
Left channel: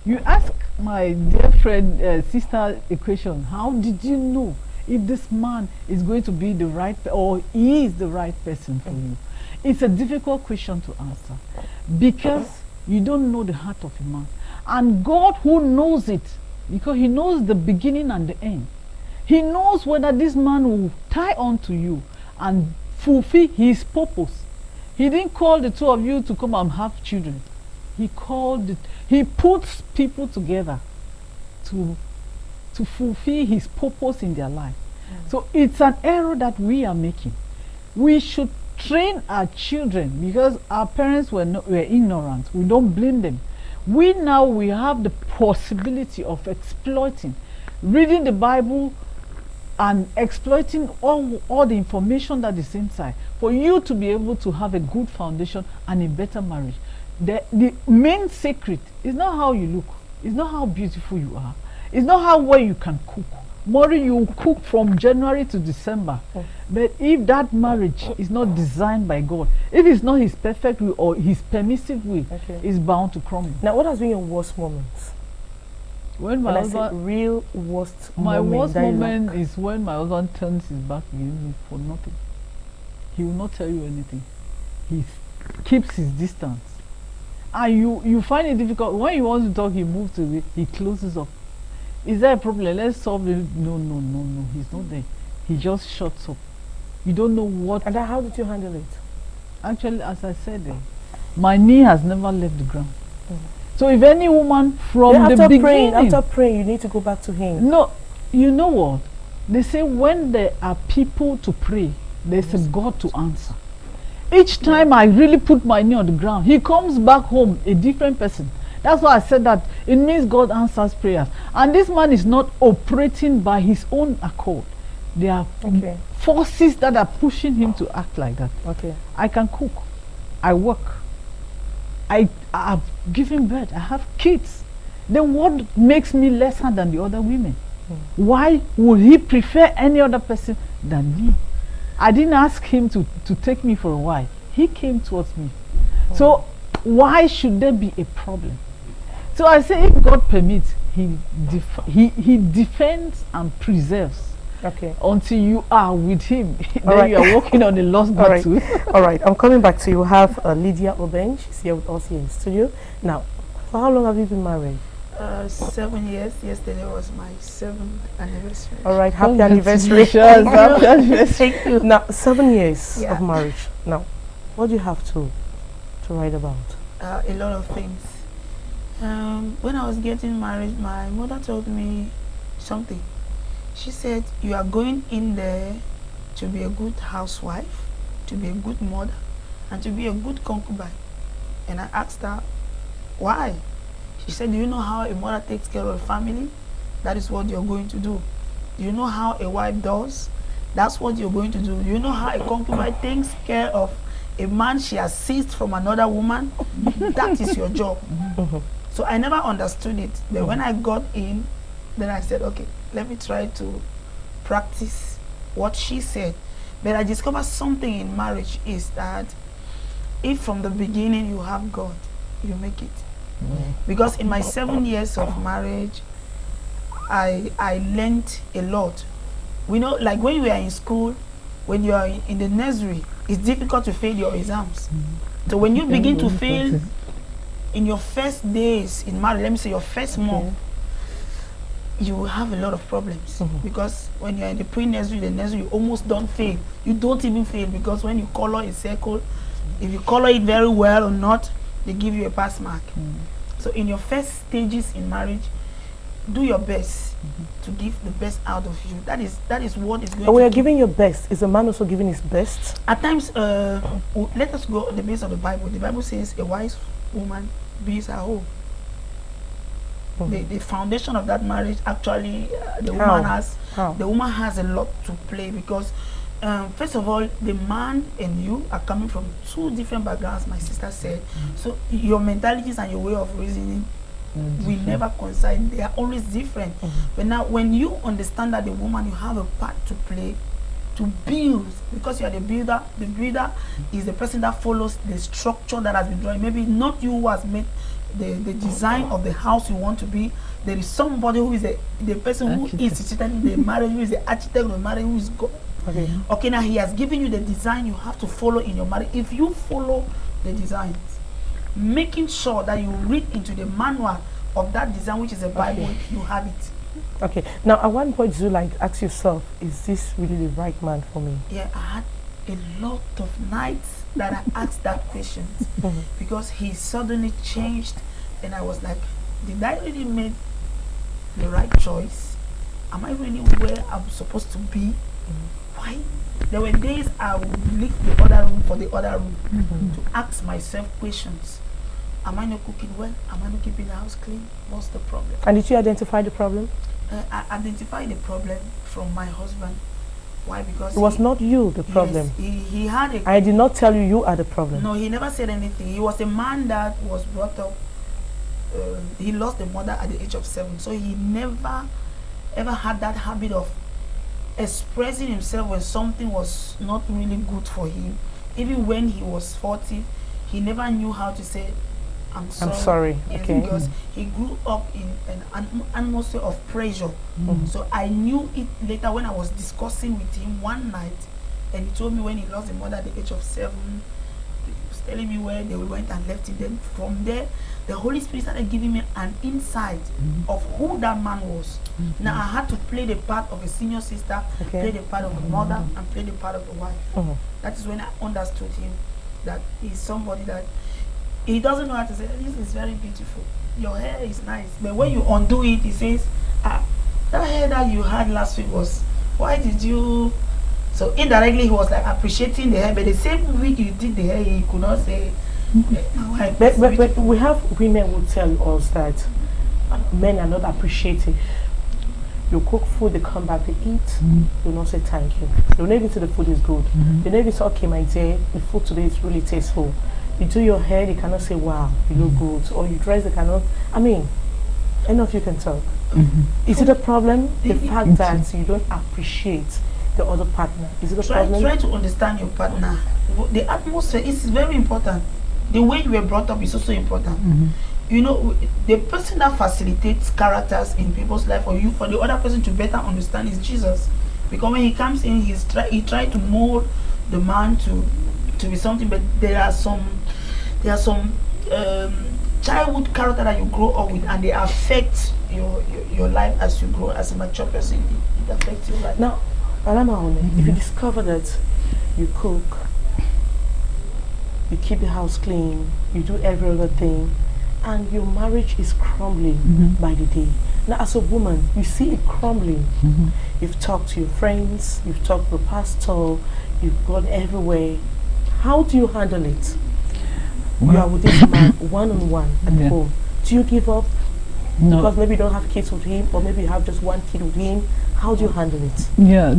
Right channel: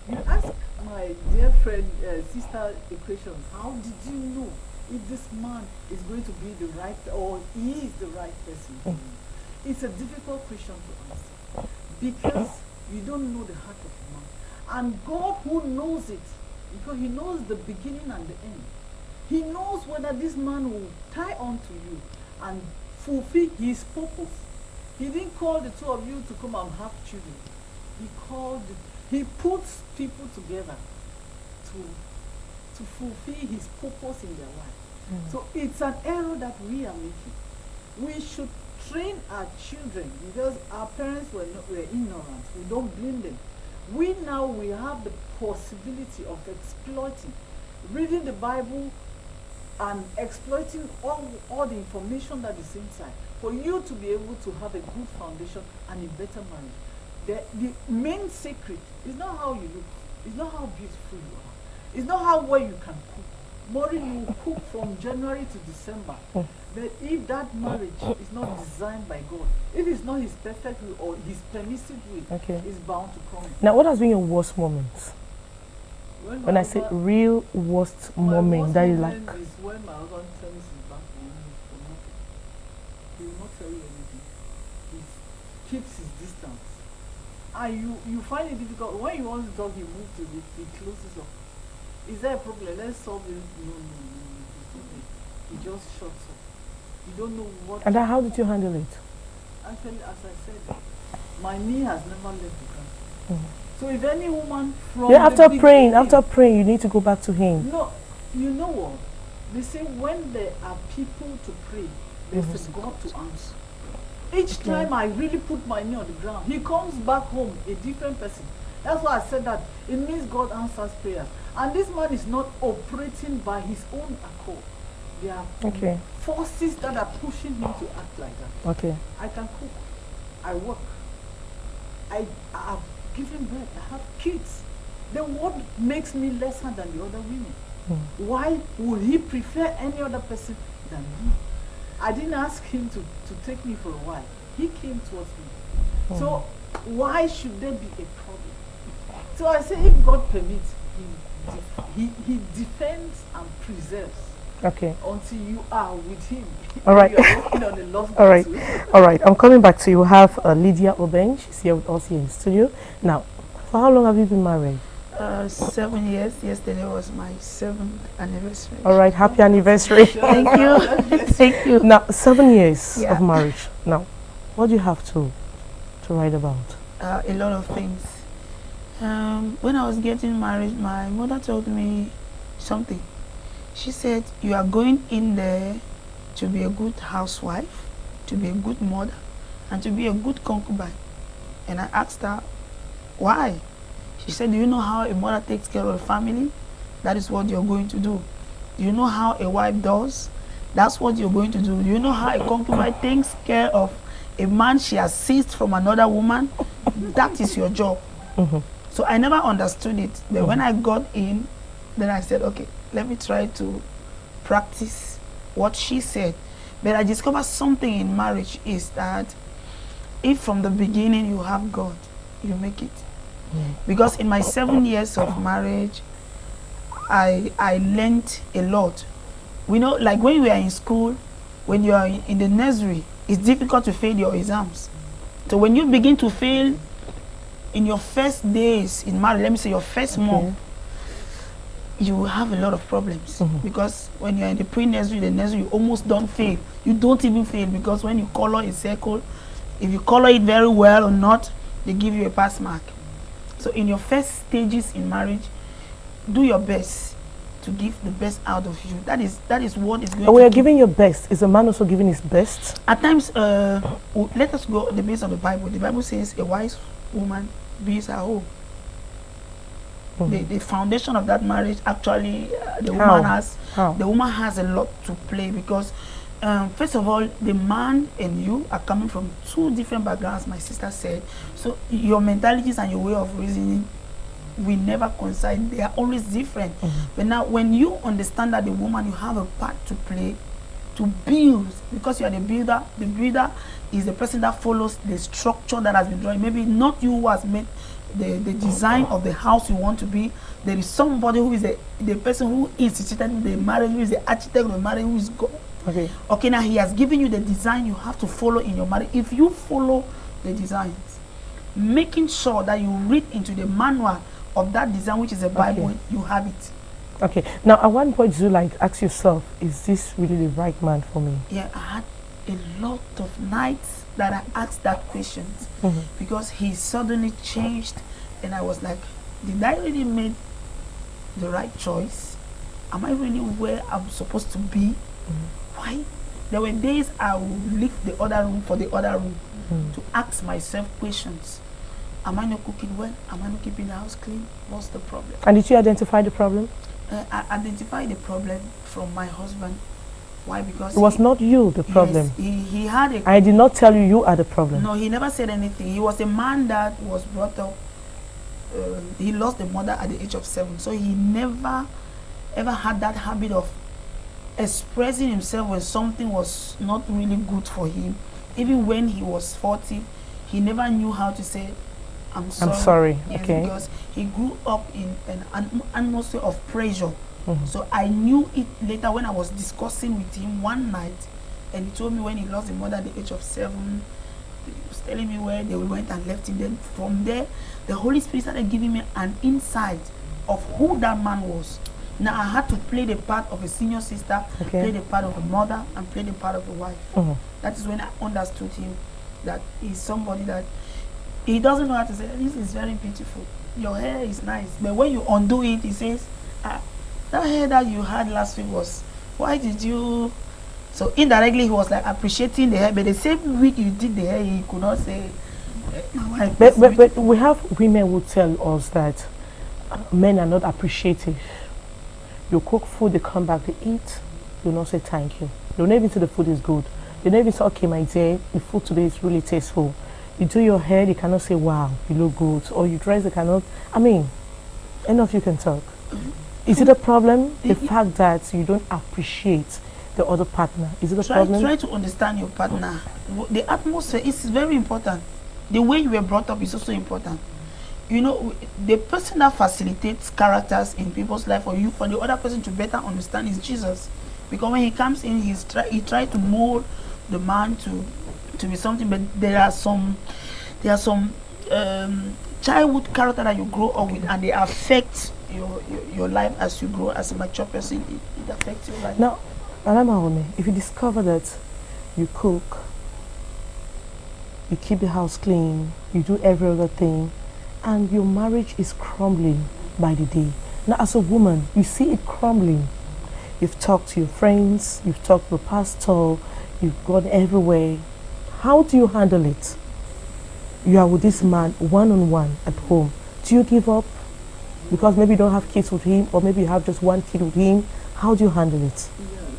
You ask my dear friend, sister equation, how did you know if this man is going to be the right, or he is the right person for you? It's a difficult question to answer because you don't know the heart of a man. And God, who knows it, because He knows the beginning and the end, He knows whether this man will tie on to you and fulfill His purpose. He didn't call the 2 of you to come and have children. He puts people together to fulfill His purpose in their life. So it's an error that we are making. We should train our children because our parents were ignorant. We don't blame them. We have the possibility of exploiting, reading the Bible and exploiting all the information that is inside for you to be able to have a good foundation and a better marriage. The main secret is not how you look, it's not how beautiful you are, it's not how well you can cook. Maureen, you will cook from January to December. But if that marriage is not designed by God, if it's not His perfect will or His permissive will, it's bound to crumble. Now, what has been your worst moments? When I say real worst moment that you like. My worst moment is when my husband turns his back on you for nothing. He will not tell you anything. He keeps his distance. And you find it difficult. When he wants to talk, he moves to it, he closes up. Is there a problem? Let's solve it. No. He's not there. He just shuts up. You don't know what. And how did you handle it? Actually, as I said, my knee has never left the ground. So if any woman from after the beginning, after praying, you need to go back to Him. No, you know what? They say when there are people to pray, there's a God to answer. Each time I really put my knee on the ground, He comes back home a different person. That's why I said that it means God answers prayers. And this man is not operating by his own accord. There are Okay. forces that are pushing him to act like that. Okay. I can cook, I work, I have given birth, I have kids. Then what makes me lesser than the other women? Why would he prefer any other person than me? I didn't ask him to take me for a while. He came towards me. So why should there be a problem? So I say, if God permits, he defends and preserves Okay. until you are with him. All Then right. you are walking on the lost All right. battle. All right. I'm coming back to you. We have Lydia Obeng. She's here with us here in the studio. Now, for how long have you been married? 7 years. Yesterday was my 7th anniversary. All right. Happy anniversary. Thank you. Thank you. Now, 7 years Yeah. of marriage. Now, what do you have to write about? A lot of things. When I was getting married, my mother told me something. She said, you are going in there to be a good housewife, to be a good mother, and to be a good concubine. And I asked her, why? She said, do you know how a mother takes care of a family? That is what you're going to do. Do you know how a wife does? That's what you're going to do. Do you know how a concubine takes care of a man she has seized from another woman? That is your job. So I never understood it. But when I got in, then I said, okay, let me try to practice what she said. But I discovered something in marriage is that if from the beginning you have God, you make it. Because in my 7 years of marriage, I learned a lot. We know, like when we are in school, when you are in the nursery, it's difficult to fail your exams. So when you begin to fail in your first days in marriage, let me say your first month, you will have a lot of problems. Because when you're in the pre-nursery, the nursery, you almost don't fail. You don't even fail, because when you color a circle, if you color it very well or not, they give you a pass mark. So in your first stages in marriage, do your best to give the best out of you. That is what is going And when you're to giving your best, is a man also giving his best? At times, let us go on the base of the Bible. The Bible says a wise woman builds her home. The foundation of that marriage, actually, the woman has a lot to play, because first of all, the man and you are coming from two different backgrounds, my sister said. So your mentalities and your way of reasoning will never coincide. They are always different. But now when you understand that the woman, you have a part to play to build, because you are the builder is the person that follows the structure that has been drawn. Maybe not you who has made the design of the house you want to be. There is somebody who is the person who instituted the marriage, who is the architect of the marriage, who is God. Okay, now he has given you the design you have to follow in your marriage. If you follow the designs, making sure that you read into the manual of that design, which is the Bible, you have it. Okay. Now, at one point, do you like ask yourself, is this really the right man for me? Yeah, I had a lot of nights that I asked that question, because he suddenly changed, and I was like, did I really make the right choice? Am I really where I'm supposed to be? Why? There were days I would leave the other room for the other room to ask myself questions. Am I not cooking well? Am I not keeping the house clean? What's the problem? And did you identify the problem? I identified the problem from my husband. Why? Because It was not you, the problem. Yes, he had a... I did not tell you you are the problem. No, he never said anything. He was a man that was brought up. He lost the mother at the age of 7. So he never ever had that habit of expressing himself when something was not really good for him. Even when he was 40, he never knew how to say, I'm sorry. Yes, okay. Because he grew up in an atmosphere of pressure. So I knew it later when I was discussing with him one night, and he told me when he lost his mother at the age of 7, he was telling me where they went and left him. Then from there, the Holy Spirit started giving me an insight of who that man was. Now I had to play the part of a senior sister, play the part of a mother, and play the part of a wife. That is when I understood him, that he's somebody that he doesn't know how to say, this is very beautiful, your hair is nice. But when you undo it, he says, that hair that you had last week was, why did you... So indirectly he was like appreciating the hair, but the same week you did the hair, he could not say, My wife But, is but, but we have women who tell us that men are not appreciative. You cook food, they come back, they eat, they'll not say thank you. They'll not even say the food is good. They'll not even say, okay, my dear, the food today is really tasteful. You do your hair, they cannot say, wow, you look good. Or you dress, they cannot. I mean, any of you can talk. Is it a problem? The fact that you don't appreciate the other partner. Is it a problem? Try to understand your partner. The atmosphere is very important. The way you were brought up is also important. You know, the person that facilitates characters in people's life for you, for the other person to better understand is Jesus. Because when he comes in, he try to mold the man to be something, but there are some childhood character that you grow up with, and they affect your life as you grow as a mature person. It affects your life. Now, Maureen, if you discover that you cook, you keep the house clean, you do every other thing, and your marriage is crumbling by the day. Now, as a woman, you see it crumbling. You've talked to your friends, you've talked to the pastor, you've gone everywhere. How do you handle it? You are with this man one-on-one at home. Do you give up? No. Because maybe you don't have kids with him, or maybe you have just one kid with him. How do you handle it? Yeah,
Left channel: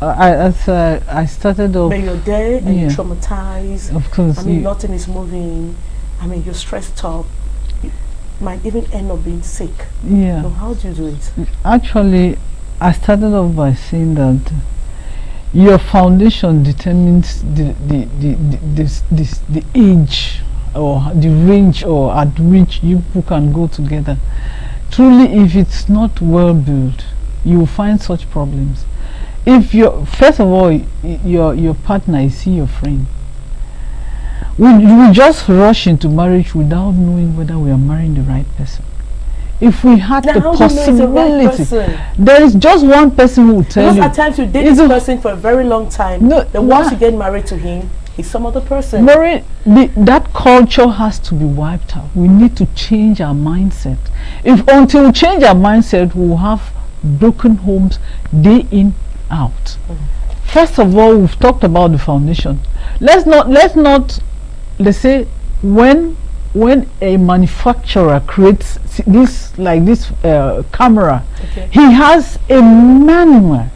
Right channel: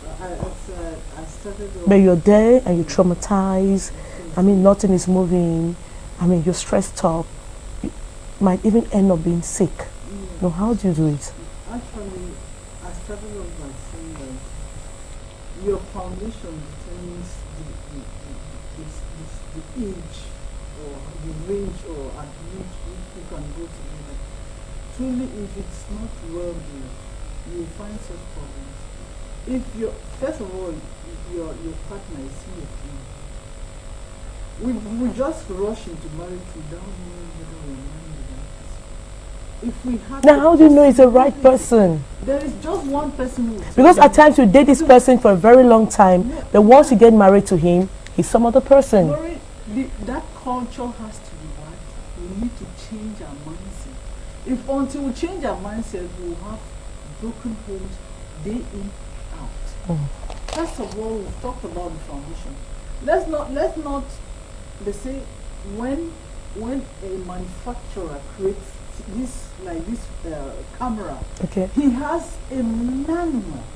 I started off. But you're there and you're traumatized. Of course. I mean, nothing is moving. I mean, you're stressed up. You might even end up being sick. Yeah. So how do you do it? Actually, I started off by saying that your foundation determines the age or the range or at which you people can go together. Truly, if it's not well built, you will find such problems. If first of all, your partner is your friend. We just rush into marriage without knowing whether we are marrying the right person. If we had now, the how do you know it's the right person? There is just one person who will tell Because you. at times you date this person for a very long time. No, then once you get married to him, he's some other person. Maureen, that culture has to be wiped out. We need to change our mindset. If until we change our mindset, we will have broken homes day in, out. First of all, we've talked about the foundation. Let's say when a manufacturer creates this camera, he has a manual.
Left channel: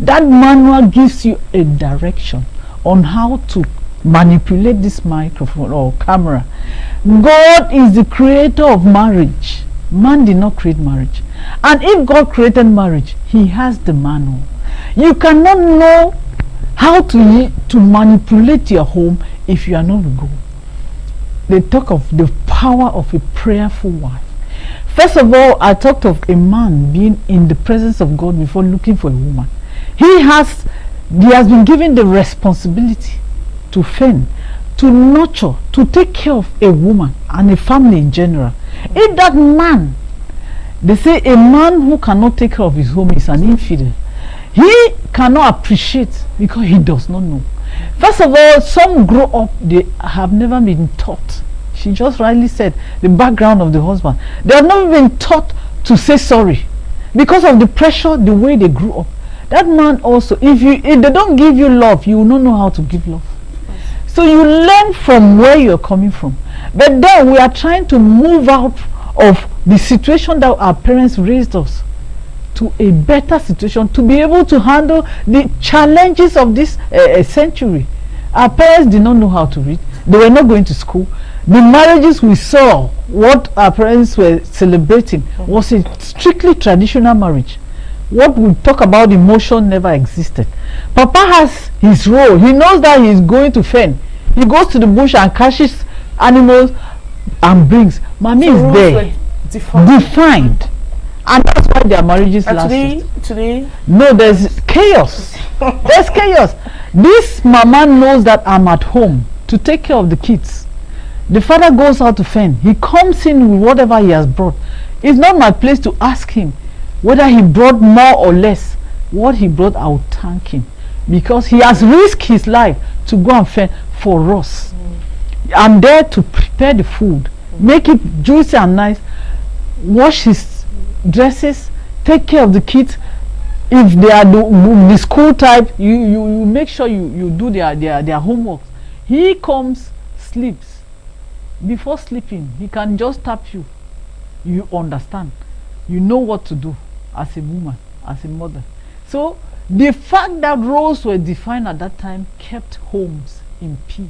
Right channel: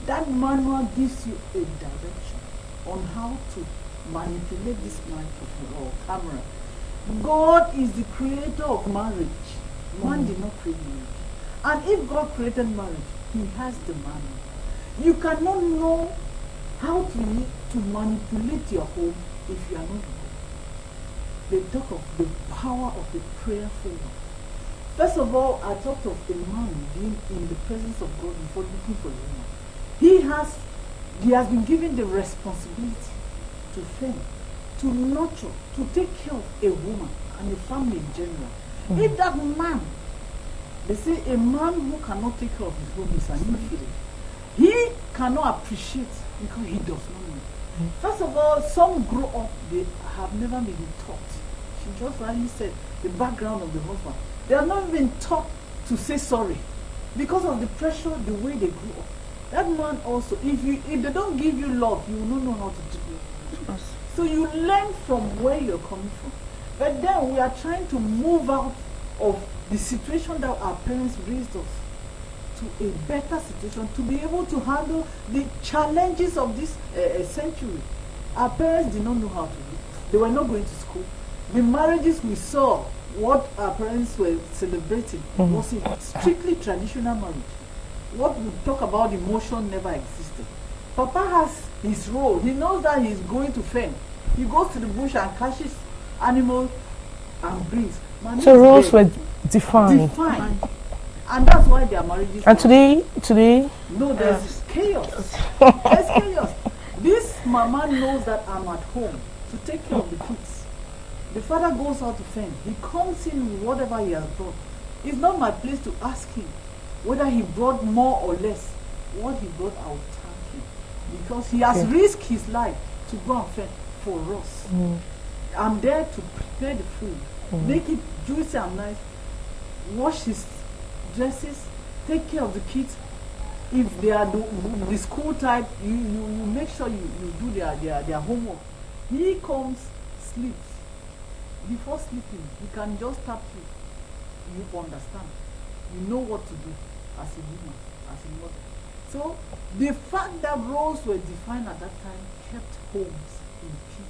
That manual gives you a direction on how to manipulate this microphone or camera. God is the creator of marriage. Man did not create marriage. And if God created marriage, he has the manual. You cannot know how to manipulate your home if you are not with God. They talk of the power of a prayerful wife. First of all, I talked of a man being in the presence of God before looking for a woman. He has been given the responsibility to fend, to nurture, to take care of a woman and a family in general. If that man, they say a man who cannot take care of his home is an infidel. He cannot appreciate because he does not know. First of all, some grow up, they have never been taught. She just rightly said the background of the husband. They have not been taught to say sorry because of the pressure, the way they grew up. That man also, if they don't give you love, you will not know how to give love. So you learn from where you're coming from. But then we are trying to move out of the situation that our parents raised us to a better situation, to be able to handle the challenges of this century. Our parents did not know how to read. They were not going to school. The marriages we saw, what our parents were celebrating, was a strictly traditional marriage. What we talk about emotion never existed. Papa has his role. He knows that he is going to fend. He goes to the bush and catches animals and brings. Mommy is there. Defined. And that's why their marriages last. Today? No, there's chaos. There's chaos. This mama knows that I'm at home to take care of the kids. The father goes out to fend. He comes in with whatever he has brought. It's not my place to ask him whether he brought more or less. What he brought, I will thank him. Because he has risked his life to go and fend for us. I'm there to prepare the food, make it juicy and nice, wash his dresses, take care of the kids. If they are the school type, you make sure you do their homework. He comes, sleeps, before sleeping, he can just tap you. You understand. You know what to do as a woman, as a mother. So the fact that roles were defined at that time kept homes in peace.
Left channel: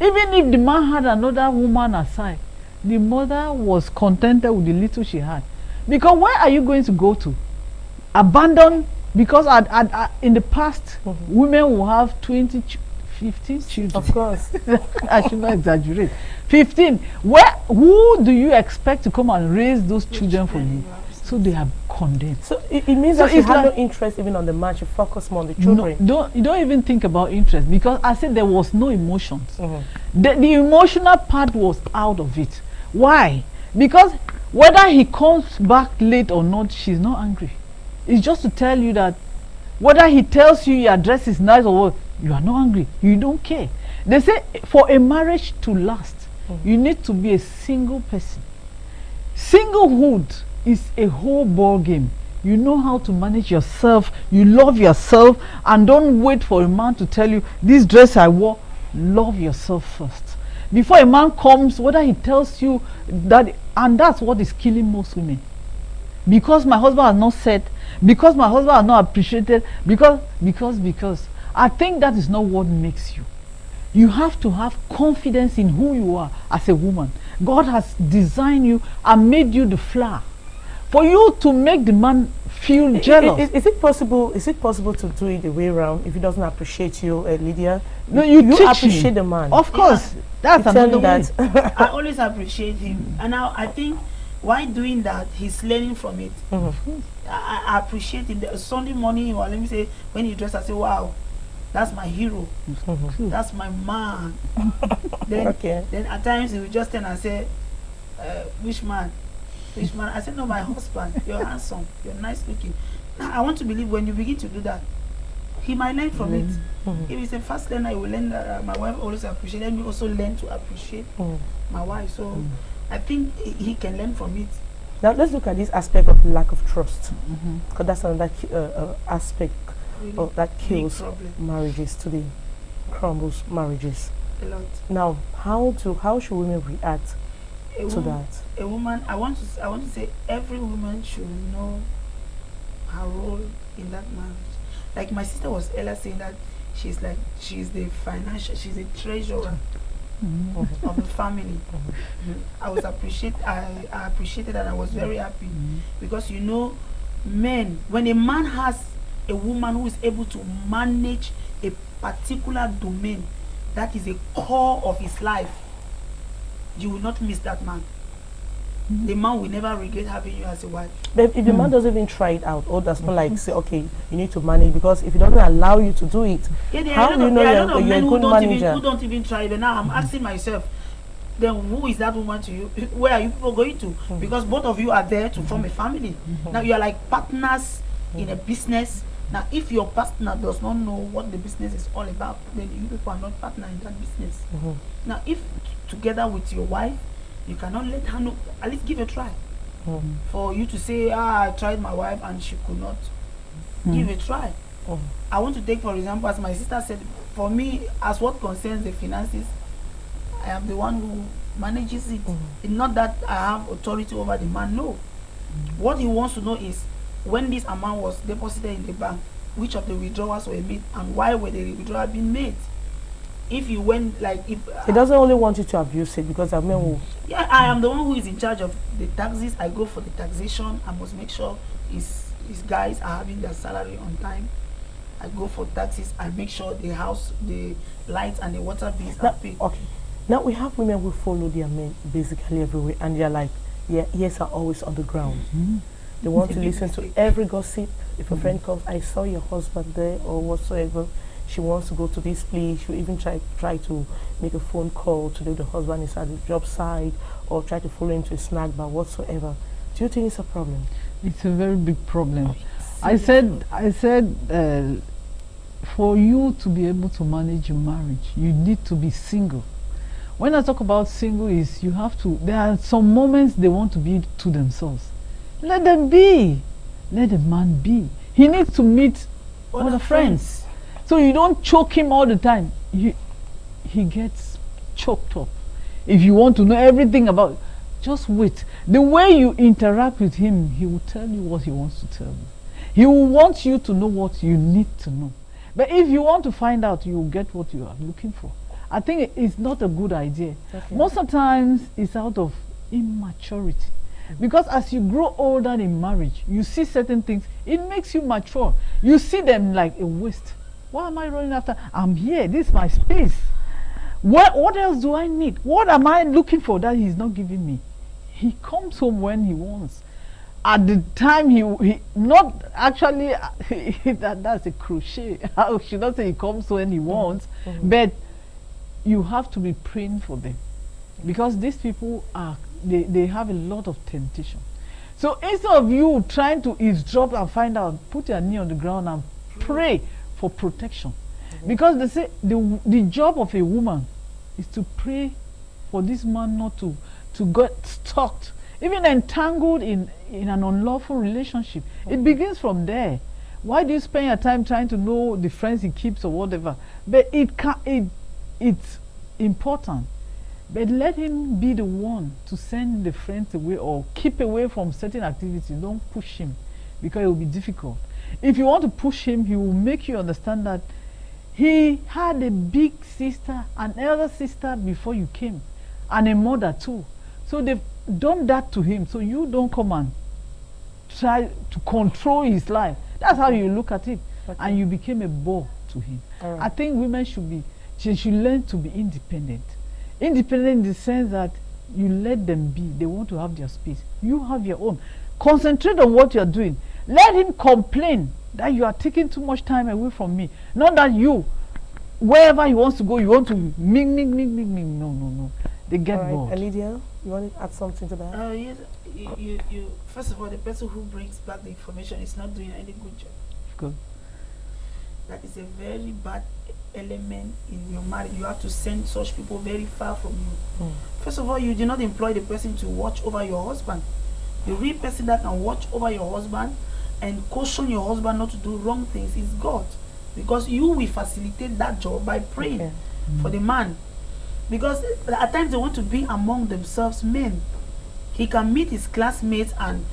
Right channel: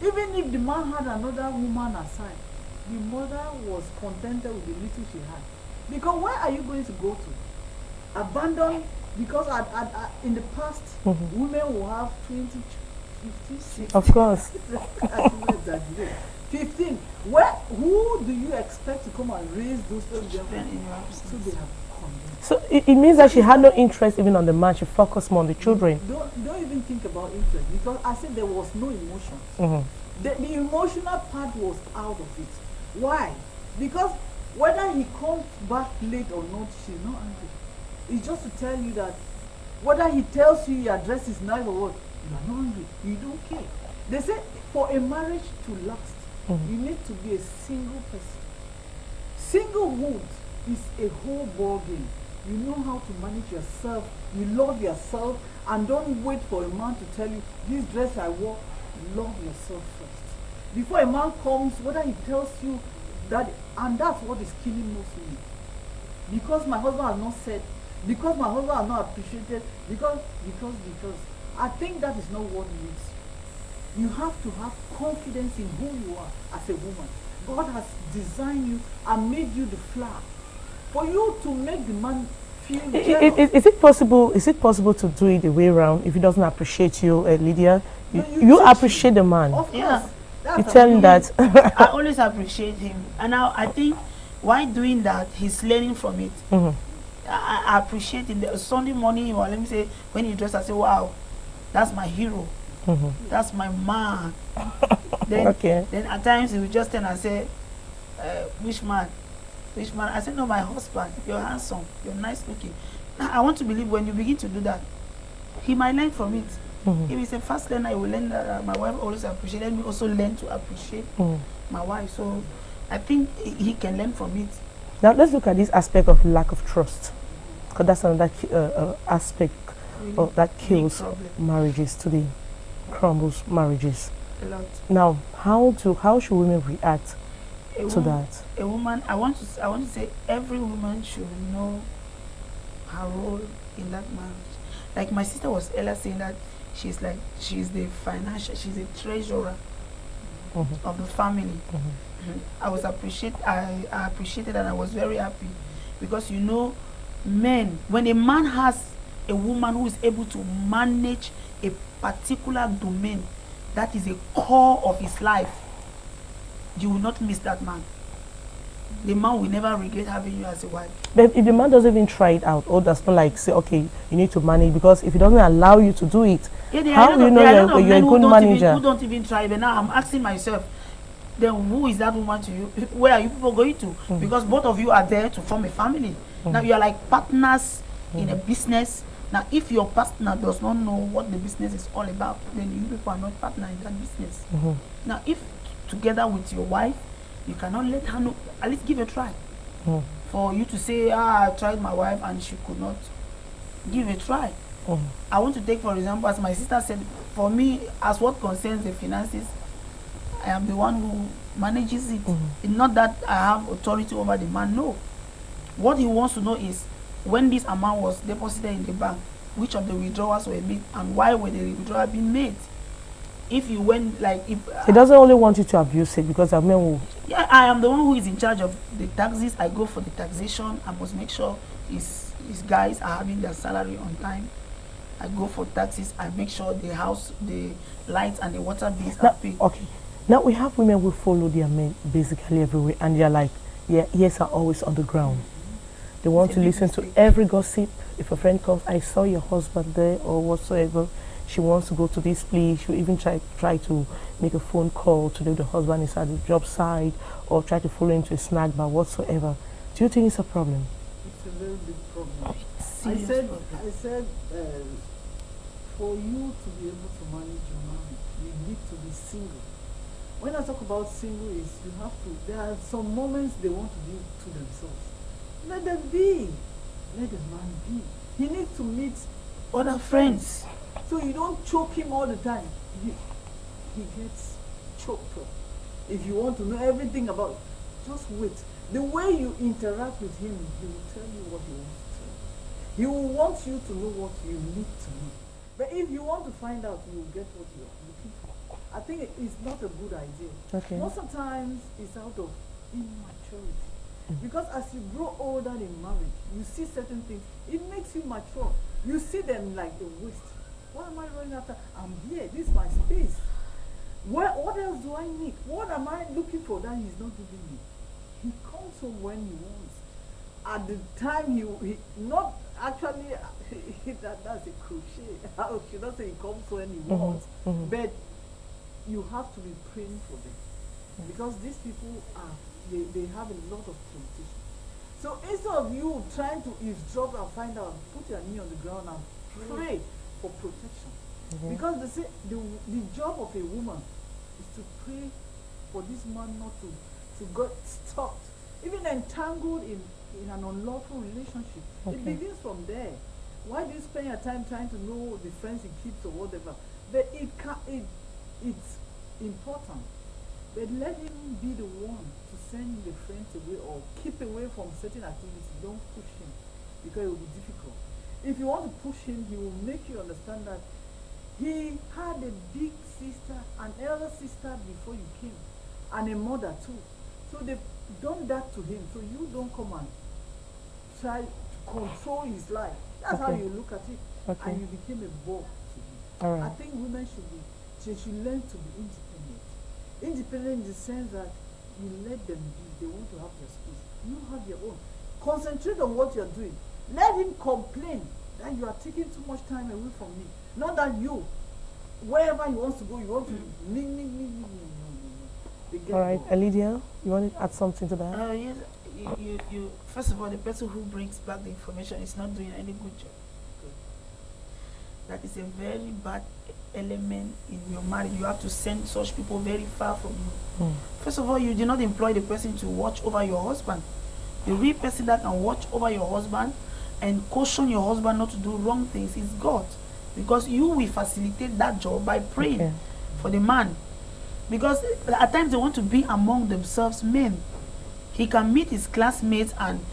Even if the man had another woman aside, the mother was contented with the little she had. Because where are you going to go to? Abandon, because in the past, women will have 20, 15 children. Of course. I should not exaggerate. 15. Who do you expect to come and raise those children for you? So they are condemned. So it means that she had no interest even on the man. She focused more on the children. No, you don't even think about interest, because I said there was no emotions. The emotional part was out of it. Why? Because whether he comes back late or not, she's not angry. It's just to tell you that whether he tells you your dress is nice or what, you are not angry. You don't care. They say for a marriage to last, you need to be a single person. Singlehood is a whole ball game. You know how to manage yourself. You love yourself, and don't wait for a man to tell you, this dress I wore. Love yourself first. Before a man comes, whether he tells you that, and that's what is killing most women. Because my husband has not said, because my husband has not appreciated, because. I think that is not what makes you. You have to have confidence in who you are as a woman. God has designed you and made you the flower. For you to make the man feel jealous. Is it possible to do it the way around if he doesn't appreciate you, Lydia? No, you appreciate the man. Of course. You tell him that. I always appreciate him. And now I think while doing that, he's learning from it. I appreciate him. The Sunday morning, or let me say, when he dress, I say, wow, that's my hero. That's my man. Then at times he will just turn and say, which man? Which man? I said, no, my husband. You're handsome. You're nice looking. Now, I want to believe when you begin to do that, he might learn from it. If he's a fast learner, he will learn that my wife always appreciates. Let me also learn to appreciate my wife. So I think he can learn from it. Now let's look at this aspect of lack of trust, because that's another aspect of that kills marriages today, crumbles marriages. A lot. Now, how should women react to that? A woman, I want to say every woman should know her role in that marriage. Like my sister was earlier saying that she's the treasurer of the family. I appreciated and I was very happy because men, when a man has a woman who is able to manage a particular domain that is a core of his life, you will not miss that man. The man will never regret having you as a wife. But if the man doesn't even try it out, or does not like say, okay, you need to manage, because if he doesn't allow you to do it, how do you know you're a good manager? Who don't even try? But now I'm asking myself, then who is that woman to you? Where are you people going to? Because both of you are there to form a family. Now you are like partners in a business. Now if your partner does not know what the business is all about, then you people are not partner in that business. Now if together with your wife, you cannot let her know, at least give a try. For you to say, I tried my wife and she could not. Give a try. I want to take, for example, as my sister said, for me, as what concerns the finances, I am the one who manages it. It's not that I have authority over the man, no. What he wants to know is, when this amount was deposited in the bank, which of the withdrawals were made and why were the withdrawals being made? If you went he doesn't only want you to abuse it, because I mean, yeah, I am the one who is in charge of the taxes. I go for the taxation. I must make sure his guys are having their salary on time. I go for taxes. I make sure the house, the lights and the water bills are paid. Okay, now we have women who follow their men basically everywhere, and they're like, their ears are always on the ground. They want to listen to every gossip. If a friend comes, I saw your husband there or whatsoever. She wants to go to this place. She'll even try to make a phone call to the husband is at the job site, or try to follow him to a snack bar whatsoever. Do you think it's a problem? It's a very big problem. I said, for you to be able to manage your marriage, you need to be single. When I talk about single, is you have to. There are some moments they want to be to themselves. Let them be. Let the man be. He needs to meet other friends. So you don't choke him all the time. He gets choked up. If you want to know everything about, just wait. The way you interact with him, he will tell you what he wants to tell you. He will want you to know what you need to know. But if you want to find out, you will get what you are looking for. I think it's not a good idea. Okay. Most of the times, it's out of immaturity. Because as you grow older in marriage, you see certain things, it makes you mature. You see them like a waste. Why am I running after? I'm here, this is my space. What else do I need? What am I looking for that he's not giving me? He comes home when he wants. At the time he not actually, that's a crochet. I should not say he comes when he wants, but you have to be praying for them. Because these people they have a lot of temptation. So instead of you trying to eavesdrop and find out, put your knee on the ground and pray for protection. Because they say the job of a woman is to pray for this man not to get stuck, even entangled in an unlawful relationship. It begins from there. Why do you spend your time trying to know the friends he keeps or whatever? But it's important. But let him be the one to send the friends away or keep away from certain activities. Don't push him, because it will be difficult. If you want to push him, he will make you understand that he had a big sister, an elder sister before you came, and a mother too. So they've done that to him. So you don't come and try to control his life. That's how you look at it. And you became a bore to him. I think women should learn to be independent. Independent in the sense that you let them be. They want to have their space. You have your own. Concentrate on what you're doing. Let him complain that you are taking too much time away from me. Not that you, wherever he wants to go, you want to ming. No. They get bored. Lydia, you want to add something to that? Yes. You first of all, the person who brings back the information is not doing any good job. Good. That is a very bad element in your marriage. You have to send such people very far from you. First of all, you do not employ the person to watch over your husband. The real person that can watch over your husband and caution your husband not to do wrong things is God. Because you will facilitate that job by praying for the man. Because at times they want to be among themselves men. He can meet his classmates, and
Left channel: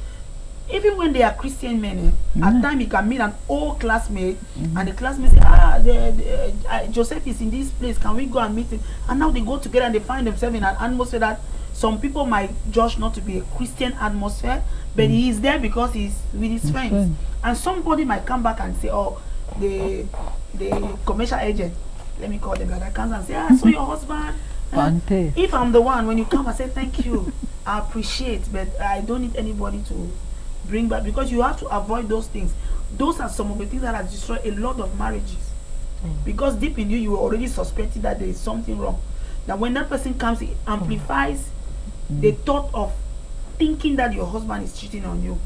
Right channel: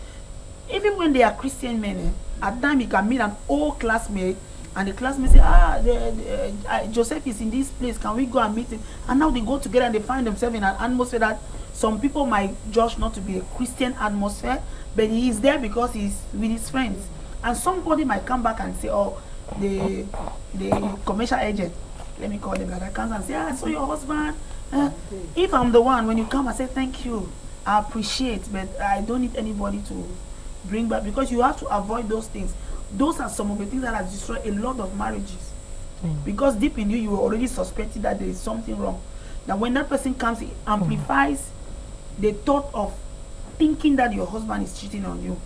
even when they are Christian men, at times he can meet an old classmate, and the classmate say, Joseph is in this place, can we go and meet him? And now they go together and they find themselves in an atmosphere that some people might judge not to be a Christian atmosphere, but he is there because he's with his friends. And somebody might come back and say, oh, the commercial agent, let me call them that, comes and say, I saw your husband. If I'm the one, when you come, I say thank you, I appreciate, but I don't need anybody to bring back, because you have to avoid those things. Those are some of the things that have destroyed a lot of marriages. Because deep in you, you already suspected that there is something wrong. That when that person comes, it amplifies the thought of thinking that your husband is cheating on you,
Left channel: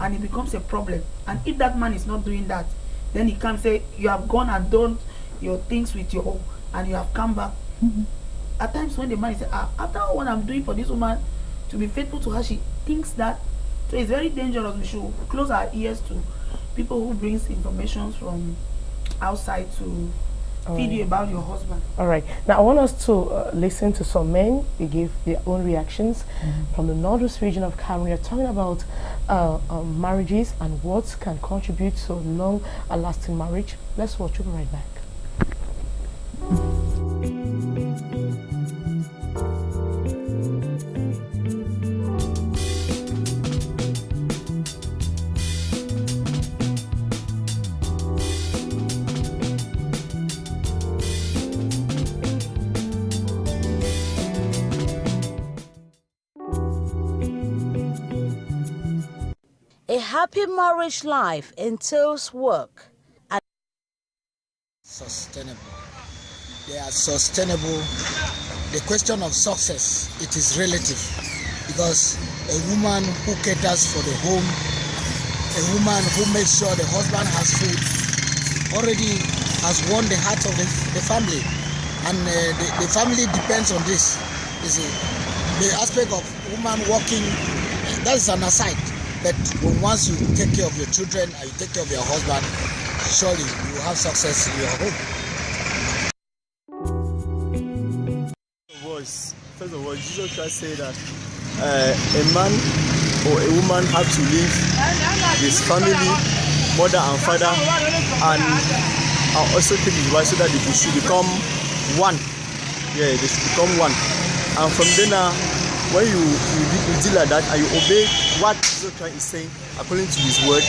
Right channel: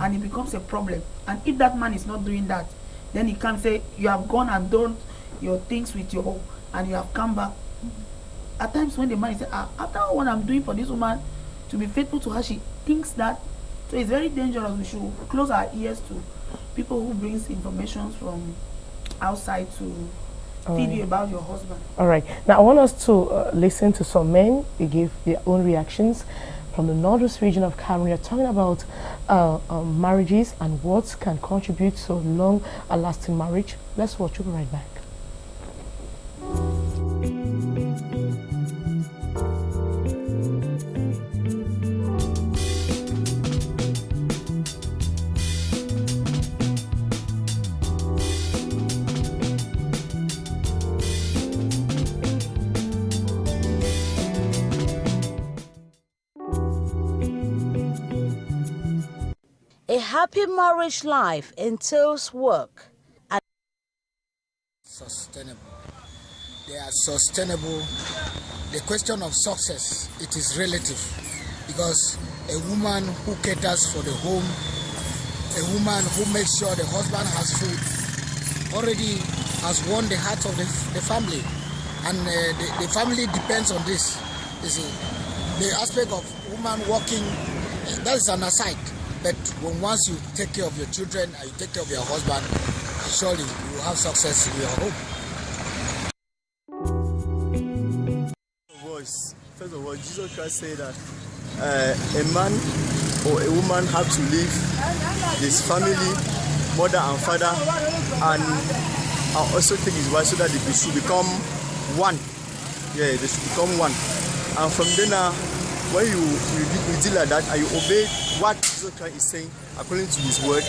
and it becomes a problem. And if that man is not doing that, then he can say, you have gone and done your things with your, and you have come back. At times when the man is saying, after what I'm doing for this woman, to be faithful to her, she thinks that. So it's very dangerous. We should close our ears to people who brings information from outside to feed you about your husband. All right. Now I want us to listen to some men. They gave their own reactions from the northwest region of Cameroon. They're talking about marriages and what can contribute to long a lasting marriage. Let's watch. We'll be right back. A happy marriage life entails work and sustainable. They are sustainable. The question of success, it is relative, because a woman who caters for the home, a woman who makes sure the husband has food, already has won the heart of the family, and the family depends on this. You see, the aspect of woman working, that is an aside. But once you take care of your children and you take care of your husband, surely you will have success in your home. Voice. First of all, Jesus Christ said that a man or a woman have to leave his family, mother and father, and also take his wife so that they should become one. Yeah, they should become one. And from then when you deal like that and you obey what Jesus Christ is saying according to his word,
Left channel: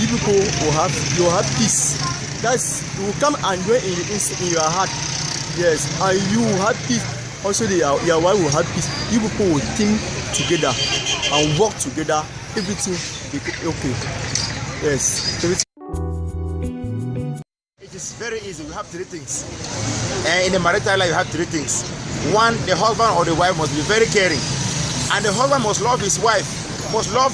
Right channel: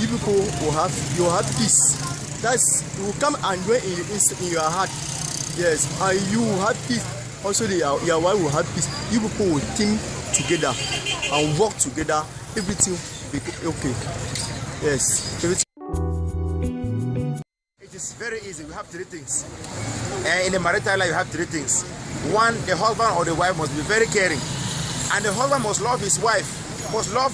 you people will have peace. That's, it will come and dwell in your heart. Yes, and you will have peace. Also, your wife will have peace. You people will think together and work together. Everything will be okay. Yes, everything. It is very easy. We have three things. In the marital life, you have three things. One, the husband or the wife must be very caring, and the husband must love his wife, must love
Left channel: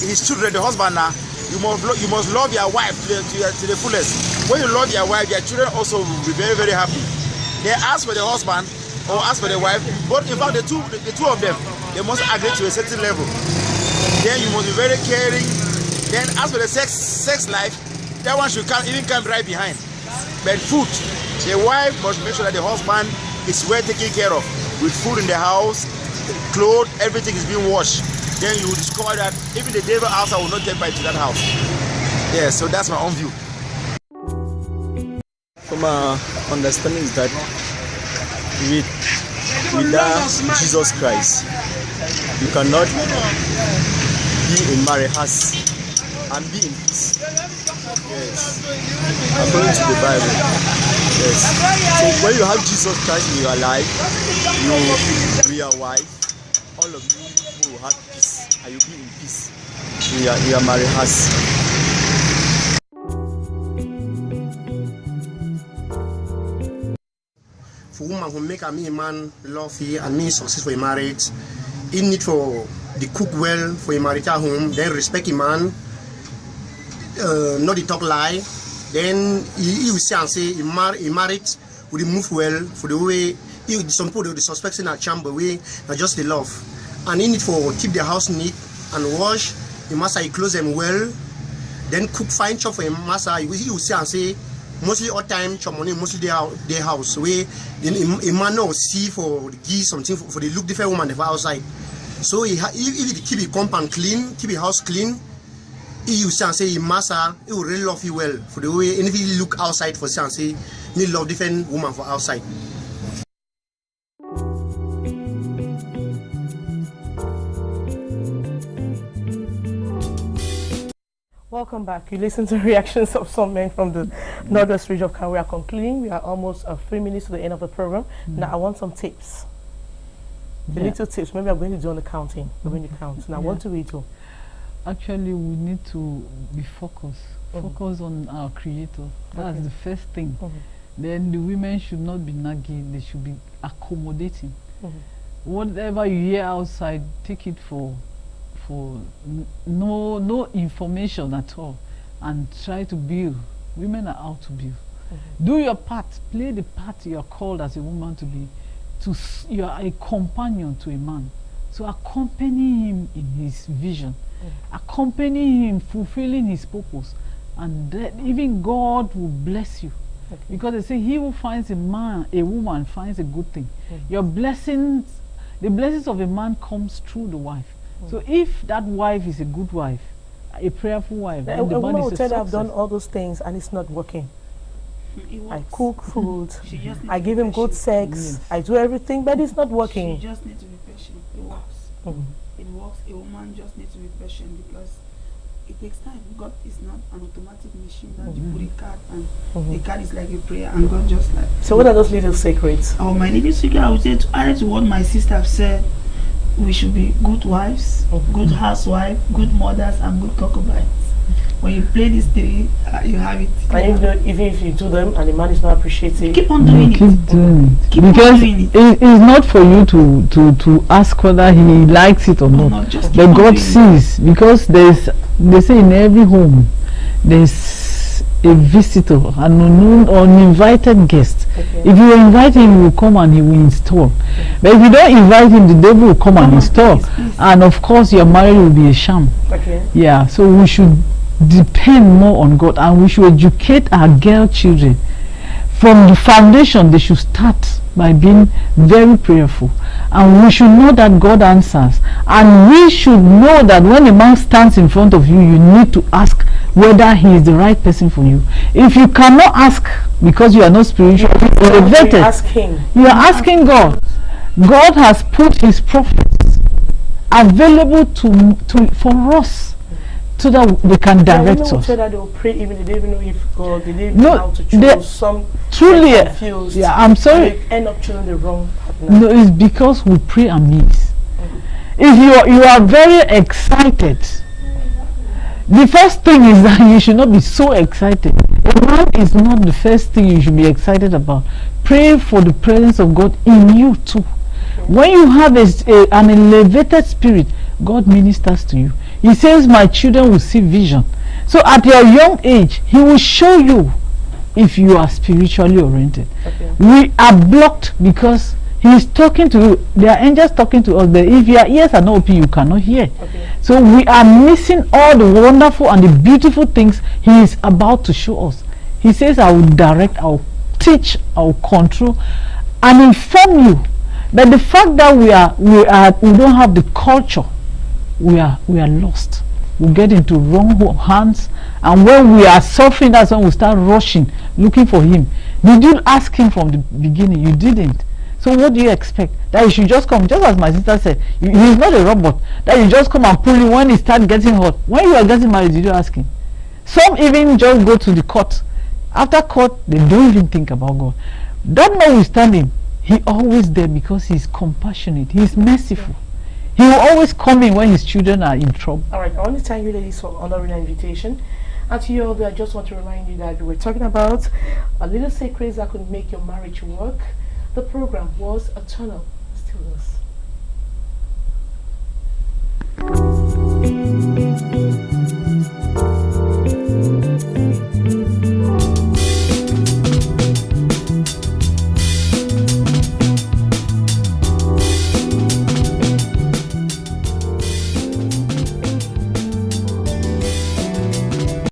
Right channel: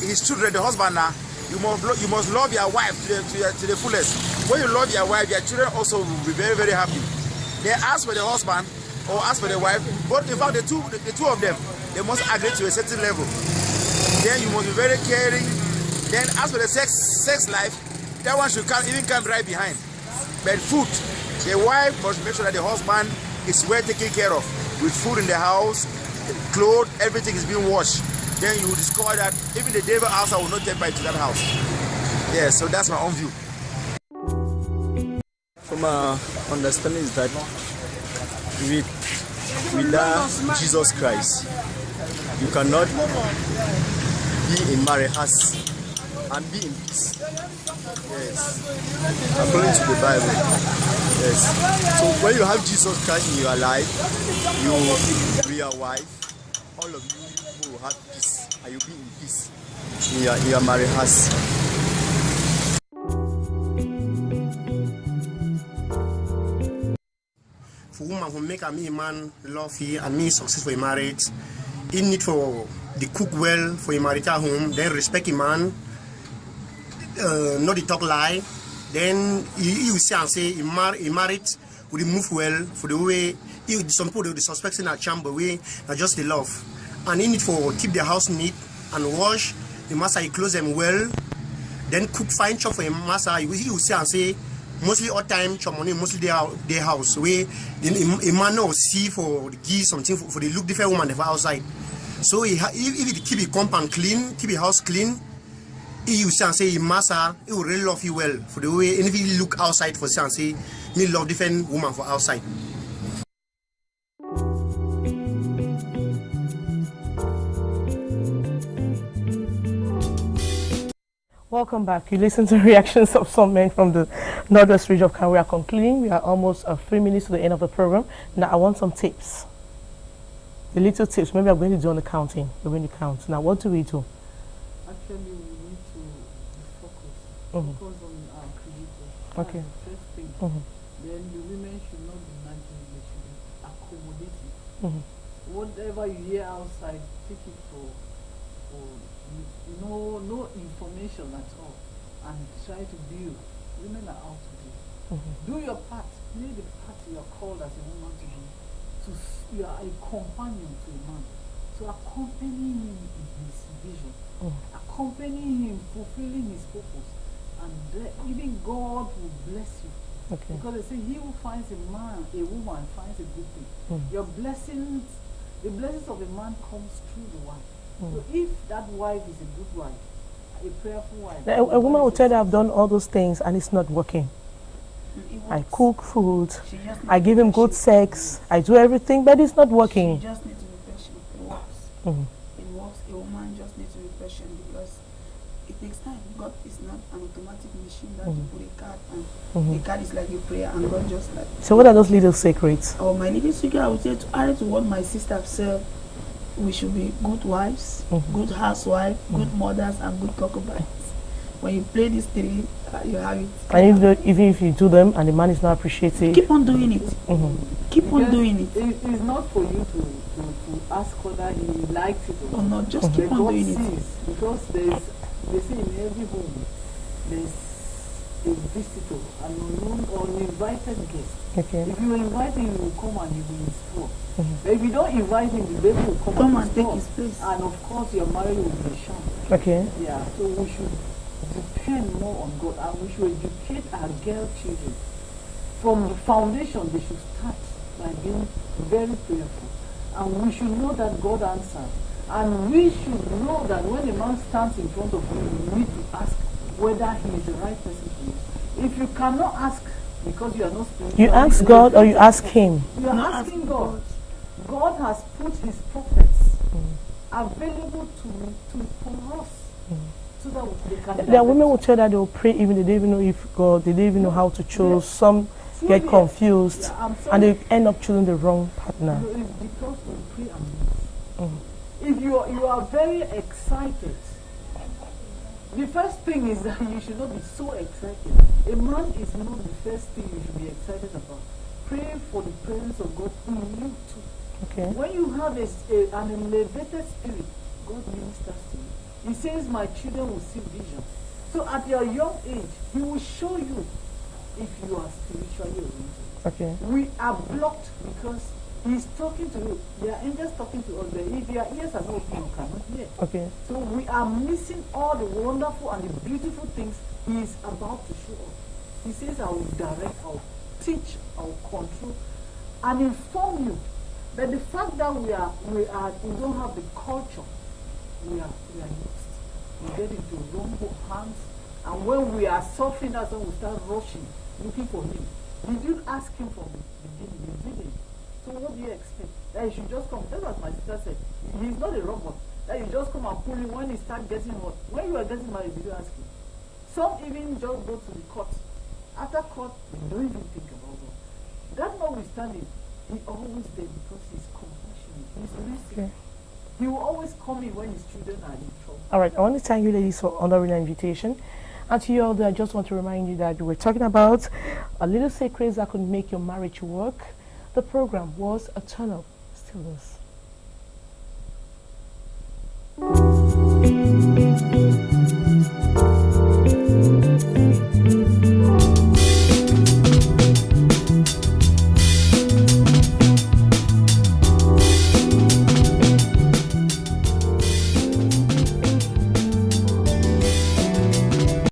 his children. The husband now. You must love your wife to the fullest. When you love your wife, your children also will be very, very happy. They ask for the husband or ask for the wife, but in fact the two of them, they must agree to a certain level. Then you must be very caring. Then as for the sex life, that one should come right behind. But food, the wife must make sure that the husband is well taken care of, with food in the house, clothes, everything is being washed. Then you will discover that even the devil outside will not take part to that house. Yeah, so that's my own view. From our understanding is that without Jesus Christ, you cannot be in marriage and be in peace. Yes, according to the Bible. Yes. So when you have Jesus Christ in your life, you be your wife, all of you will have peace, and you'll be in peace in your marriage house. For woman who make a man love and me successful in marriage, he need for the cook well for a marital home, then respect a man, not the talk lie, then he will say and say he married will move well for the way some people they suspect in a chamber way, not just the love. And he need for keep the house neat and wash. The master he close them well, then cook fine chop for a master. He will say and say mostly all time chop money mostly their house where a man will see for the geese something for the look different woman outside. So if he keep the compound clean, keep the house clean, he will say and say master he will really love you well for the way. And if he look outside for say and say me love different woman for outside. Welcome back. You listen to reactions of some men from the northwest region of Kano. We are concluding. We are almost 3 minutes to the end of the program. Now I want some tips. The little tips. Maybe I'm going to do on the counting. We're going to count. Now what do we do? Actually, we need to be focused. Focus on our Creator. That's the first thing. Then the women should not be nagging. They should be accommodating. Whatever you hear outside, take it for no information at all, and try to build. Women are out to build. Do your part. Play the part you are called as a woman to be. You are a companion to a man. To accompany him in his vision, accompany him fulfilling his purpose, and then even God will bless you. Because they say he who finds a woman finds a good thing. Your blessings, the blessings of a man comes through the wife. So if that wife is a good wife, a prayerful wife, a woman will tell you I've done all those things and it's not working. I cook food, I give him good sex, I do everything, but it's not working. She just needs to be patient. It works. It works. A woman just needs to be patient because it takes time. God is not an automatic machine that you put a card and the card is like a prayer and God just like. So what are those little secrets? Oh, my little secret, I would say to add to what my sister said, we should be good wives, good housewives, good mothers, and good concubines. When you play these three, you have it. And even if you do them and the man is not appreciative, keep on doing it. Keep because on doing it. It's not for you to ask whether he likes it or not. Just keep but on God doing sees, because they say in every home there's a visitor, an unknown or uninvited guest. If you invite him, he will come and he will install. But if you don't invite him, the devil will come and install. And of course, your marriage will be a sham. Yeah, so we should depend more on God, and we should educate our girl children. From the foundation, they should start by being very prayerful. And we should know that God answers. And we should know that when a man stands in front of you, you need to ask whether he is the right person for you. If you cannot ask because you are not spiritually elevated, you ask him. You are asking God. God has put his prophets available for us so that they can direct women will us. tell that they will pray even they don't even know if God, they don't even know how to choose. Some truly get confused. Yeah, I'm sorry. And they end up choosing the wrong partner. No, it's because we pray amiss. If you are very excited, the first thing is that you should not be so excited. A man is not the first thing you should be excited about. Pray for the presence of God in you too. Okay. When you have an elevated spirit, God ministers to you. He says, my children will see vision. So at your young age, he will show you if you are spiritually oriented. Okay. We are blocked because he is talking to you. There are angels talking to us. If your ears are not open, you cannot hear. Okay. So we are missing all the wonderful and the beautiful things he is about to show us. He says, I will direct, I will teach, I will control and inform you. But the fact that we don't have the culture, we are lost. We get into wrong hands, and when we are suffering, that's when we start rushing, looking for him. Did you ask him from the beginning? You didn't. So what do you expect? That you should just come, just as my sister said, he's not a robot, that you just come and pull him when he starts getting hot. When you are getting married, did you ask him? Some even just go to the court. After court, they don't even think about God. That notwithstanding, he always there because he's compassionate, he's merciful. Yeah. He will always come in when his children are in trouble. All right, I want to thank you ladies for honoring the invitation. And to you all, I just want to remind you that we're talking about a little secrets that could make your marriage work. The program was a turn-up. Still does.